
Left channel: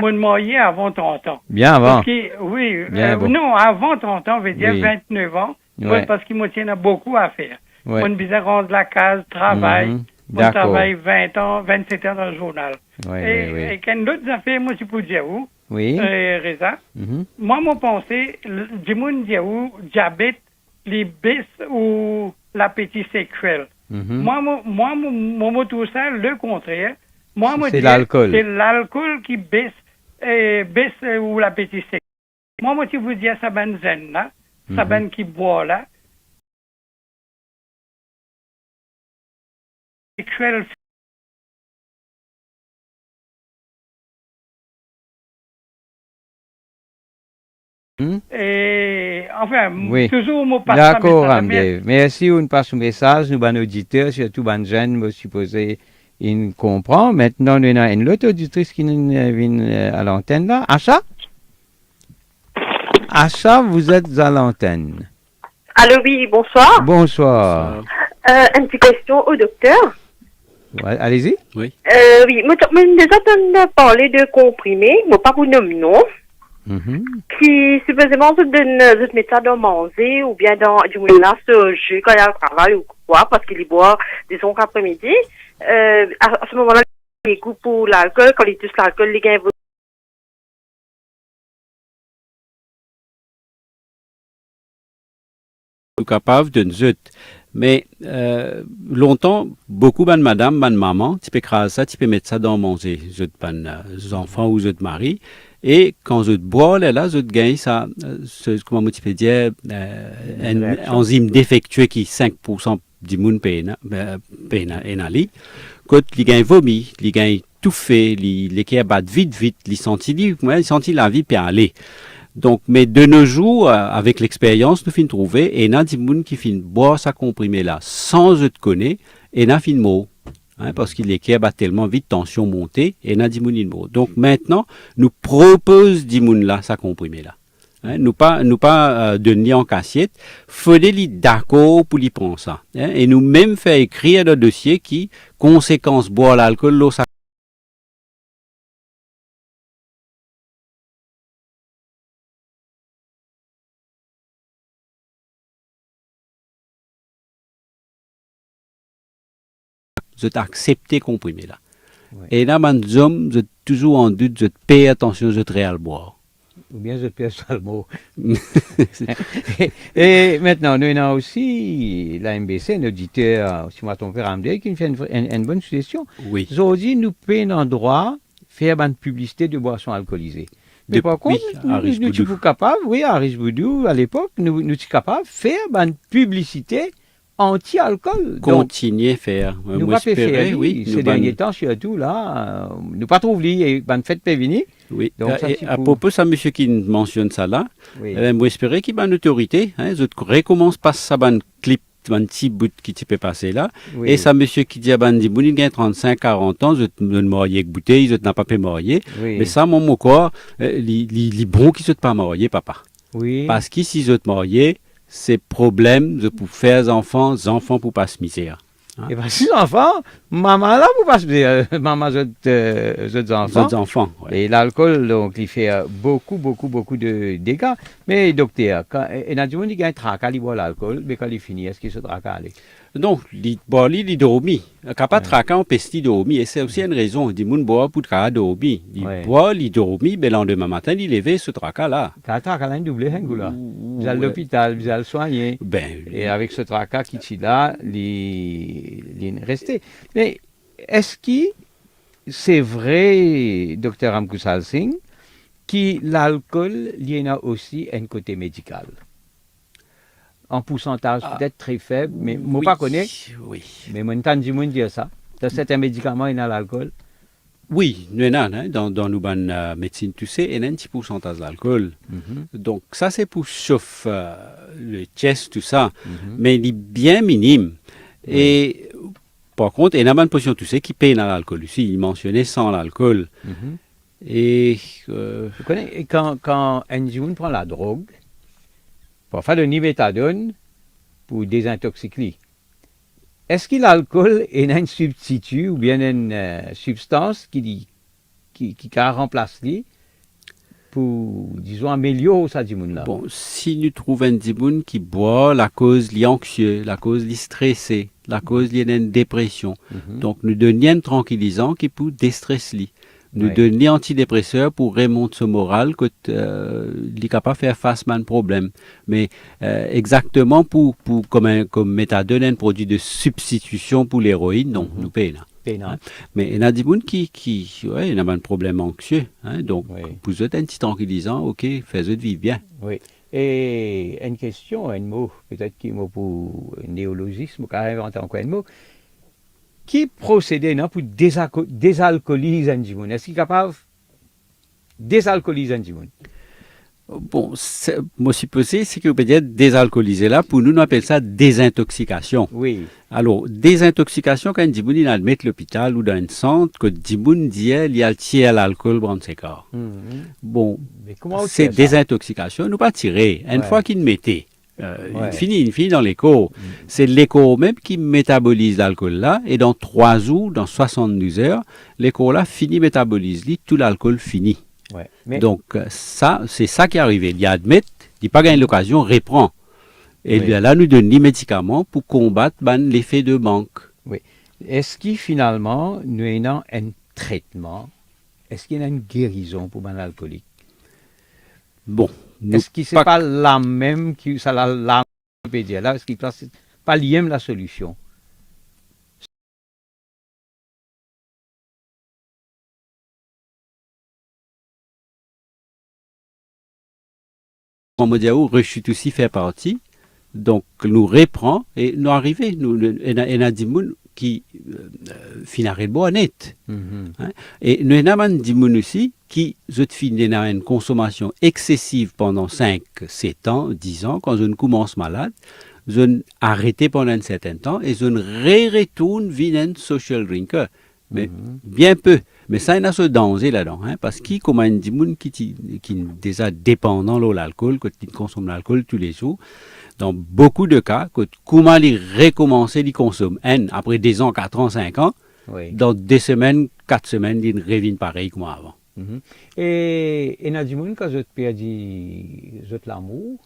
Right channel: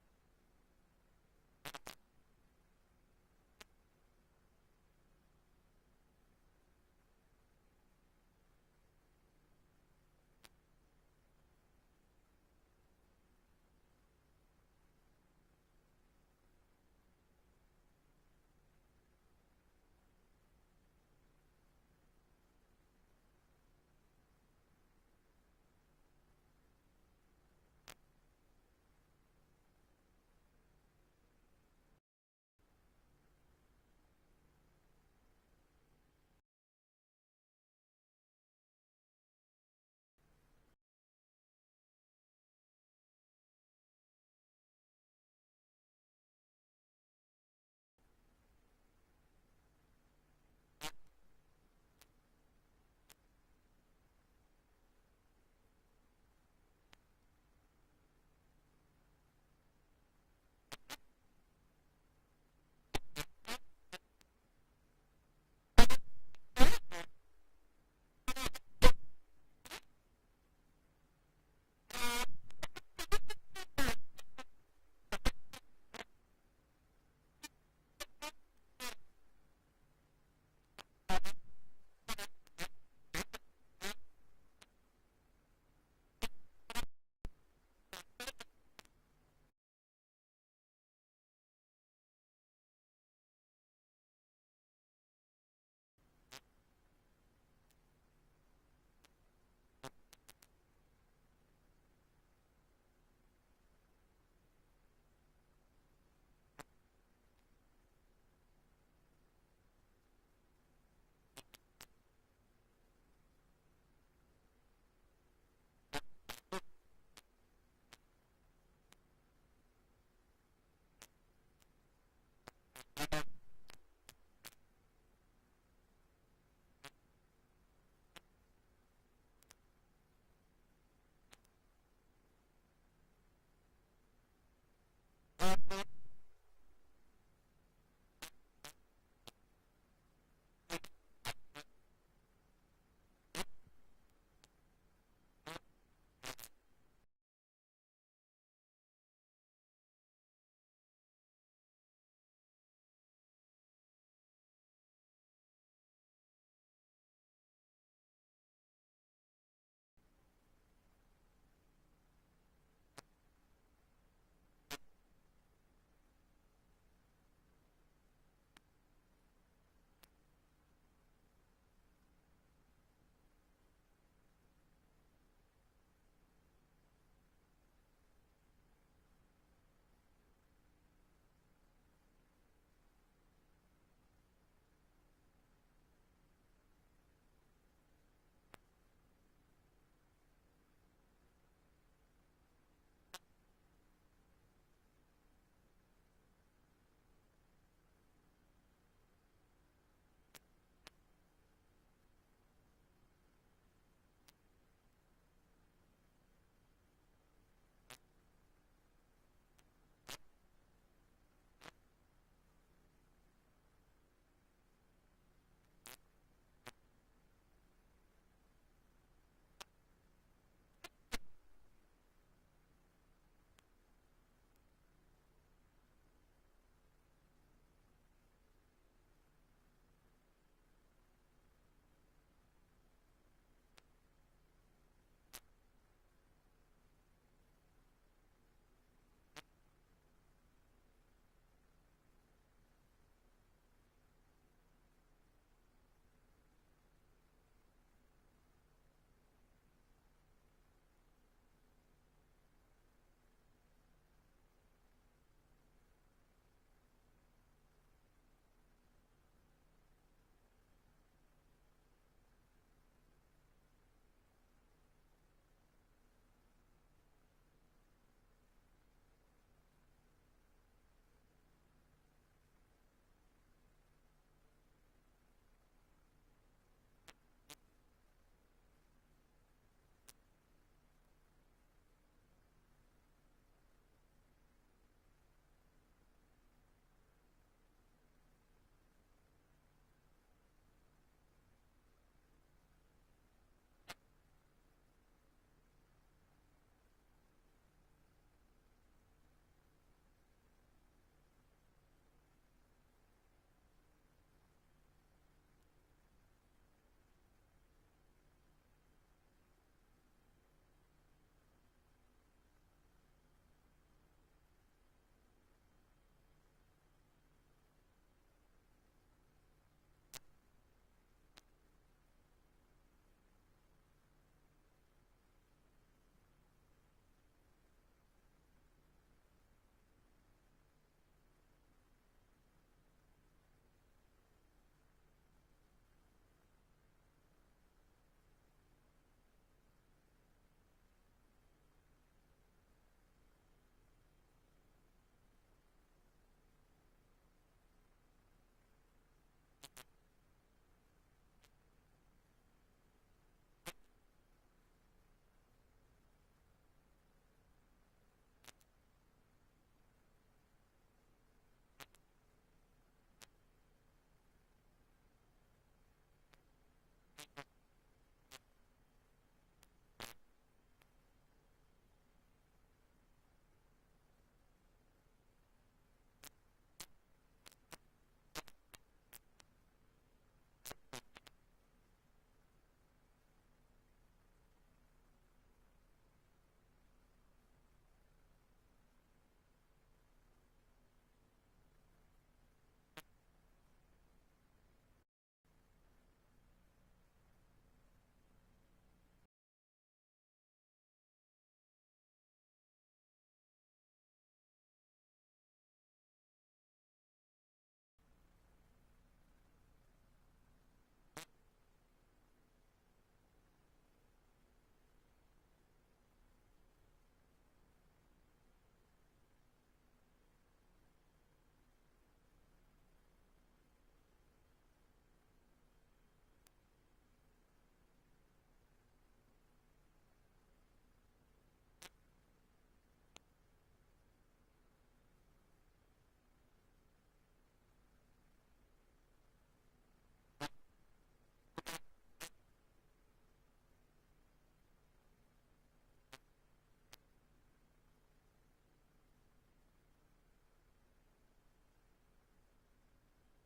Je me marié avant 30 ans. Bien avant. Parce que, oui, bon. Non, avant 30 ans, je veux dire 29 ans, parce qu'il me tient beaucoup à faire. On a besoin de rendre la case, travail. On travaille 20 ans, 27 ans dans le journal. Et quand d'autres affaires, moi, je peux dire où, Reza, moi, je pensais, du monde dire où, diabète, les baisses ou l'appétit sexuel. Moi, tout ça, le contraire. Moi, c'est l'alcool. C'est l'alcool qui baisse ou l'appétit sexuel. Moi, je vous dis, ça ben zen là, ça ben qui boit là, sexuel. Et enfin, toujours mon passe. D'accord, Ramdev. Merci, on passe au message. Nous, nos auditeurs, surtout les jeunes, me supposé, ils comprennent. Maintenant, nous avons une autre auditrice qui vient à l'antenne là. Acha? Acha, vous êtes à l'antenne. Allô, oui, bonsoir. Bonsoir. Une petite question au docteur. Ouais, allez-y. Oui. Oui, moi, déjà entendu parler de comprimés, mais pas pour nommer non. Qui supposément se met ça dans manger ou bien dans du moulin ce jus quand il y a un travail ou quoi, parce qu'il y boit, disons qu'après-midi. À ce moment-là, il goût pour l'alcool, quand il touche l'alcool, il gagne. Capable de nous. Mais longtemps, beaucoup de madame, de maman, tu peux écraser ça, tu peux mettre ça dans manger, les enfants ou les maris. Et quand je bois, là, je gagne ça, comment tu peux dire, un enzyme défectueux qui 5% du monde pénali. Quand il gagne vomi, il gagne tout fait, il qui bat vite, il sentit la vie peut aller. Donc, mais de nos jours, avec l'expérience, nous finissons trouver, et il y a des gens qui finissent boire ça comprimé là, sans je te connais, et il y a fin mot. Parce qu'il est qui bat tellement vite, tension montée, et il y a des gens mot. Donc maintenant, nous proposons des gens là, ça comprimé là. Nous pas donner en cassette, faudrait les d'accord pour les prendre ça. Et nous même fait écrire le dossier qui, conséquence boire l'alcool, l'eau, ça. Je t'accepte comprimé là. Et là, mes hommes, je toujours en doute, je paye attention, je te boire. Ou bien je paye ça le mot. Et maintenant, nous avons aussi la MBC, un auditeur, si moi ton père Amdé, qui fait une bonne suggestion. Oui. Aujourd'hui, nous payons un droit faire une publicité de boissons alcoolisées. Mais par contre, nous sommes capables, à Richeboudou, à l'époque, nous sommes capables de faire une publicité anti-alcool. Continuer à faire. Nous pas faire, oui. Ces derniers temps, surtout, là, nous pas trop oublié, une fête peut venir. Oui. Donc, à propos de ça, monsieur qui mentionne ça là, moi, j'espérais qu'il y ait une autorité. Je recommence pas ça, un clip petit bout qui tu peux passer là. Oui. Et ça, monsieur qui dit, ben, dit, il a 35, 40 ans, je ne marier que bouteille, je n'ai pas pu marier. Oui. Mais ça, mon corps, les bons qui ne sont pas mariés, papa. Oui. Parce que si je te marier, c'est problème de pour faire enfants pour pas se misère. Et bien, si enfants, maman là, pour pas se dire, maman, je enfants. Ouais. Et l'alcool, donc, il fait beaucoup de dégâts. Mais, docteur, quand il a dit qu'il y a un tracas, il boit l'alcool, mais quand il finit, est-ce qu'il se tracas aller? Non, il dormi. Capable de traquer en pesti dormi. Et c'est aussi une raison. Il dit, boit pour traquer dormi. Il boit, il dormi, mais le lendemain matin, il levé ce tracas là. Quand tracas là, il double, là. Vous allez à l'hôpital, vous allez le soigner. Et avec ce tracas qui est là, il est resté. Mais est-ce que c'est vrai, docteur Amkusal Singh, que l'alcool, il y en a aussi un côté médical? En pourcentage peut-être très faible, mais moi pas connais. Oui. Mais moi entends dire ça. Dans certains médicaments, il y a l'alcool. Oui, nous dans nos médecine, tu sais, il y a un petit pourcentage d'alcool. Donc ça c'est pour chauffer le chest, tout ça, mais il est bien minime. Et par contre, il y a une potion, tu sais, qui paye dans l'alcool. Ici, il mentionnait sans l'alcool. Et tu connais, quand un jeune prend la drogue, pour faire le niméthadone pour désintoxiquer. Est-ce que l'alcool est un substitut ou bien une substance qui remplace lui pour, disons, améliorer ça du monde là? Bon, si nous trouvons un dimoun qui boit, la cause est anxieux, la cause est stressé, la cause est une dépression. Donc nous donnons un tranquillisant qui peut déstresser lui. Nous donnons des antidépresseurs pour remonter ce moral que il est capable de faire face à un problème. Mais exactement comme méthadone, un produit de substitution pour l'héroïne, non, nous payons. Mais il y a des gens qui ont un problème anxieux. Donc, vous êtes un petit tranquillisant, ok, faites-le vivre bien. Oui. Et une question, un mot, peut-être qu'il mot pour néologisme, car inventer encore un mot. Qui procédait pour désalcooliser un dimoun? Est-ce qu'il est capable de désalcooliser un dimoun? Bon, moi, si possible, c'est que vous pouvez dire désalcooliser là. Pour nous, on appelle ça désintoxication. Oui. Alors, désintoxication, quand un dimoun il admet l'hôpital ou dans un centre, que dimoun dit il y a le tiers à l'alcool dans ses corps. Bon, c'est désintoxication. Nous pas tirer. Une fois qu'il mettait. Il finit dans l'écho. C'est l'écho même qui métabolise l'alcool là, et dans 3 jours, dans 72 heures, l'écho là finit métabolise, tout l'alcool finit. Donc ça, c'est ça qui est arrivé. Il admet, il n'a pas gagné l'occasion, reprend. Et là, nous donne des médicaments pour combattre l'effet de manque. Oui. Est-ce qu'il finalement, nous avons un traitement, est-ce qu'il y a une guérison pour l'alcoolique? Bon. Est-ce que ce n'est pas la même qui ça la peut dire là? Est-ce qu'il n'est pas lié la solution? En Modiaou, rechute aussi fait partie. Donc, nous reprend et nous arrivons. Il y a des gens qui finissent de net. Et nous avons des gens aussi qui finissent une consommation excessive pendant 5, 7 ans, 10 ans. Quand je commence malade, je arrête pendant un certain temps et je retourne vers un social drinker. Mais bien peu. Mais ça, il y a ce danger là-dedans. Parce qu'il y a des gens qui sont déjà dépendants de l'alcool, qui consomment l'alcool tous les jours. Dans beaucoup de cas, comment ils recommencent à consommer après 2 ans, 4 ans, 5 ans, dans 2 semaines, 4 semaines, ils reviennent pareil comme avant. Et il y a des gens qui ont perdu l'amour,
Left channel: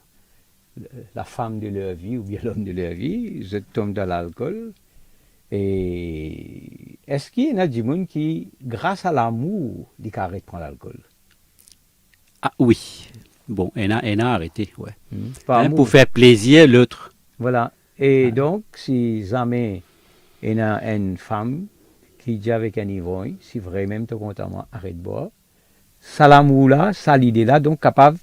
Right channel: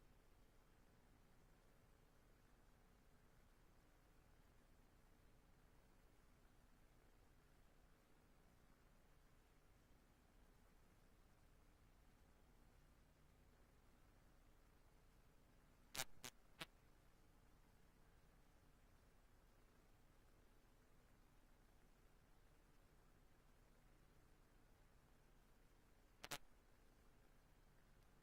la femme de leur vie ou bien l'homme de leur vie, ils tombent dans l'alcool. Et est-ce qu'il y a des gens qui, grâce à l'amour, ils arrêtent de prendre l'alcool? Ah oui. Bon, elle a arrêté, pour faire plaisir à l'autre. Voilà. Et donc, si jamais il y a une femme qui dit avec un ivrogne, si vraiment tu es content, arrête de boire, ça l'amour là, ça l'idée là, donc capable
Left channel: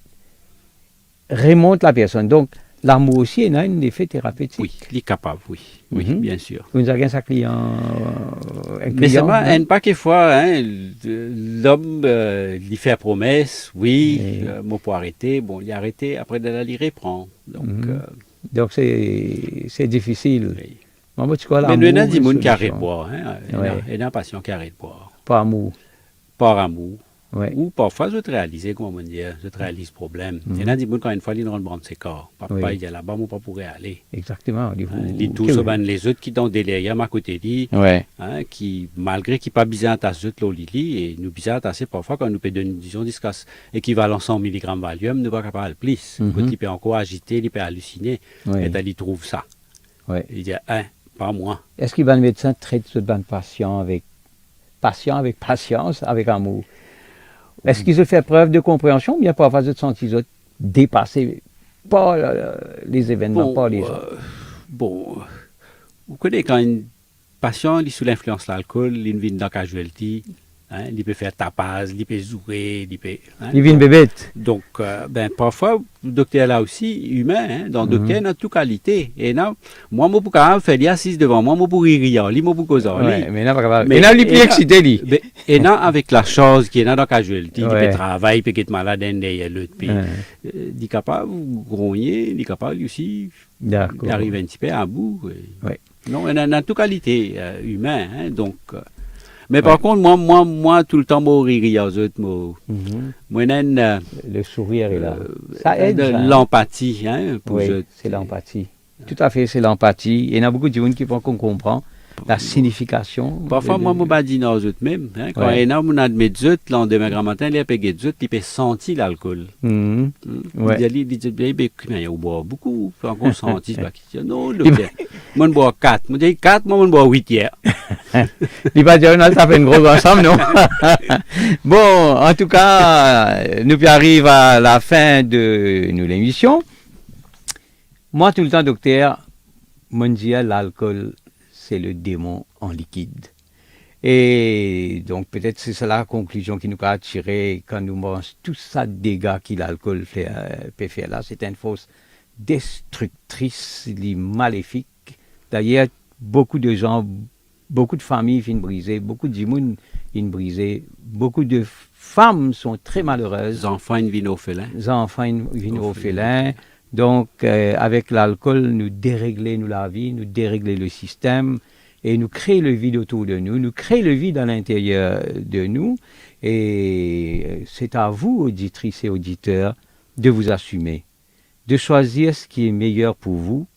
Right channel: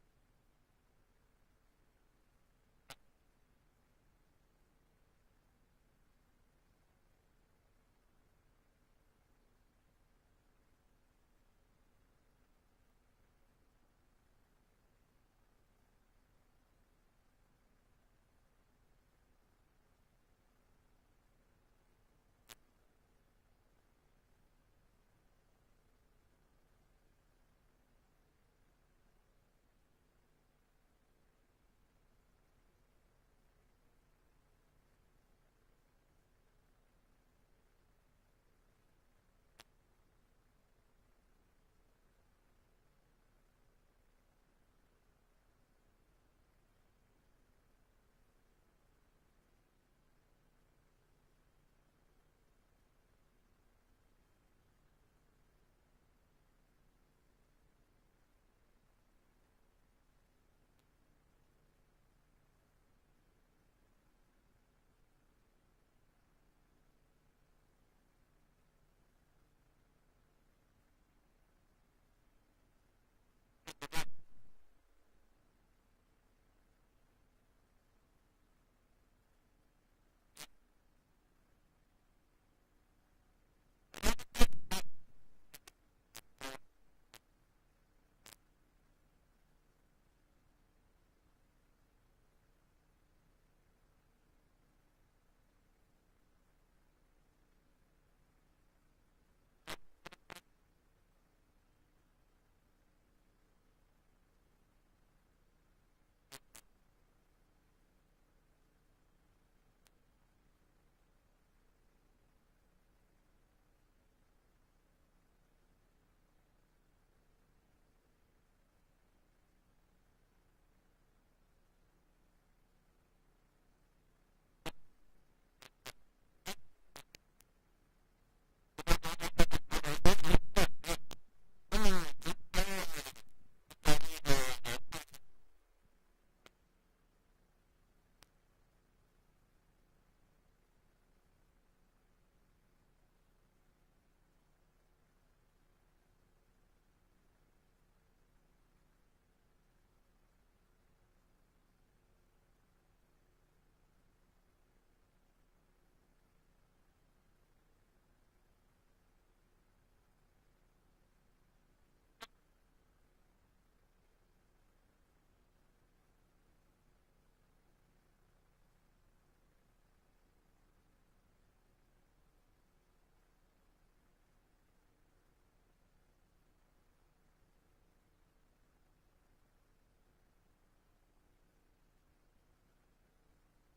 remonte la personne. Donc, l'amour aussi, il a un effet thérapeutique. Oui, il est capable, oui, bien sûr. Vous avez un client, mais c'est pas quelquefois, l'homme, il fait promesse, oui, moi pour arrêter, bon, il a arrêté, après il reprend. Donc, Donc, c'est difficile. Oui. Maman, tu crois, mais nous, il y a des gens qui arrêtent de boire. Il y a des patients qui arrêtent de boire. Par amour. Par amour. Ouais. Ou parfois, je te réalise, comment on dit, je te réalise le problème. Il y en a des gens, quand une fois, ils rentrent dans ses corps. Papa, il est là-bas, moi, pas pourrait aller. Exactement. Les tous, les autres qui sont derrière, à côté dit, qui, malgré qu'ils pas besoin de tasser l'eau Lili, et nous besoin de tasser parfois, quand nous payons une disons, équivalent 100 mg Valium, nous ne sommes pas capables de plus. Il peut encore agiter, il peut halluciner. Et il trouve ça. Il dit, pas moi. Est-ce que le médecin traite ce ban patient avec patience, avec amour? Est-ce qu'ils ont fait preuve de compréhension ou bien parfois de sentir dépassés par les événements, par les gens? Vous connaissez quand un patient est sous l'influence de l'alcool, il vient dans la casualty, il peut faire tapage, il peut jouer, il peut... Il vient bébête. Donc, parfois, le docteur là aussi, humain, donc le docteur a toute qualité. Et là, moi, je peux quand même faire assise devant moi, je peux rire, je peux causer. Mais là, il est plus excité. Et là, avec la chose qui est dans la casualty, il peut travailler, il peut être malade, il est capable de grogner, il est capable aussi d'arriver un petit peu à bout. Non, il a toute qualité humaine, donc... Mais par contre, moi, tout le temps, je rire aux autres. Le sourire est là. Ça aide. L'empathie. Oui, c'est l'empathie. Tout à fait, c'est l'empathie. Il y en a beaucoup de gens qui font qu'on comprend la signification. Parfois, moi, je me dis aux autres même. Quand il y en a des autres, le lendemain grand matin, il y a des autres, il peut sentir l'alcool. Il dit, il y a beaucoup, il faut sentir. Non, moi, je bois 4. Je dis 4, moi, je bois 8 hier. Il va dire, ça fait une grosse ensemble, non? Bon, en tout cas, nous arrivons à la fin de l'émission. Moi, tout le temps, docteur, mon Dieu, l'alcool, c'est le démon en liquide. Et donc, peut-être c'est ça la conclusion qui nous a tiré quand nous mangeons tout ça de dégâts que l'alcool peut faire là. C'est une force destructrice, maléfique. D'ailleurs, beaucoup de gens, beaucoup de familles viennent briser, beaucoup de gens viennent briser, beaucoup de femmes sont très malheureuses. Les enfants viennent orphelins. Donc, avec l'alcool, nous déréglons la vie, nous déréglons le système et nous créons le vide autour de nous, nous créons le vide à l'intérieur de nous. Et c'est à vous, auditrices et auditeurs, de vous assumer, de choisir ce qui est meilleur pour vous,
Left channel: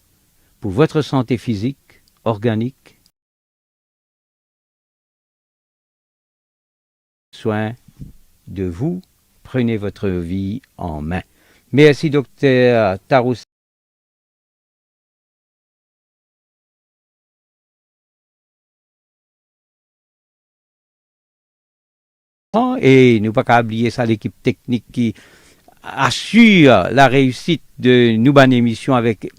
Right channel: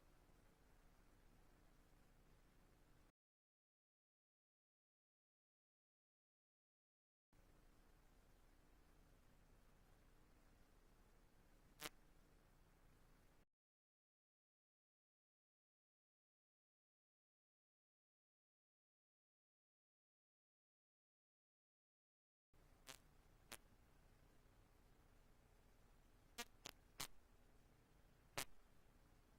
pour votre santé physique, organique. Soin de vous, prenez votre vie en main. Merci, docteur Taroussi. Et nous pas qu'à oublier ça, l'équipe technique qui assure la réussite de nous bonne émission avec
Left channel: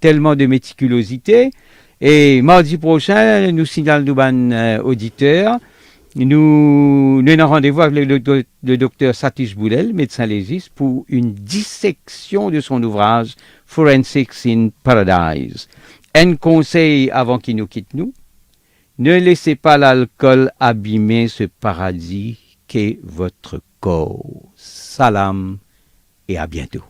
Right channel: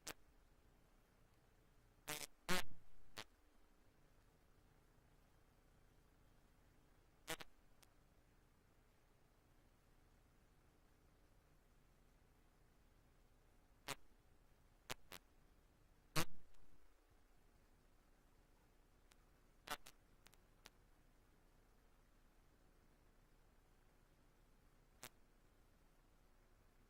tellement de méticulosité. Et mardi prochain, nous signalons nous bonnes auditeurs. Nous avons rendez-vous avec le docteur Satish Boulel, médecin légiste, pour une dissection de son ouvrage Forensics in Paradise. Un conseil avant qu'il nous quitte nous, ne laissez pas l'alcool abîmer ce paradis qu'est votre corps. Salam et à bientôt.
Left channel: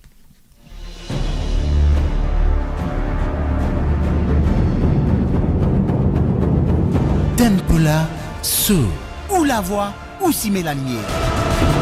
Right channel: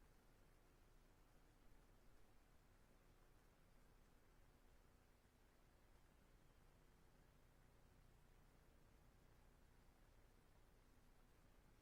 Tempola, sous, ou la voix, ou si la lumière.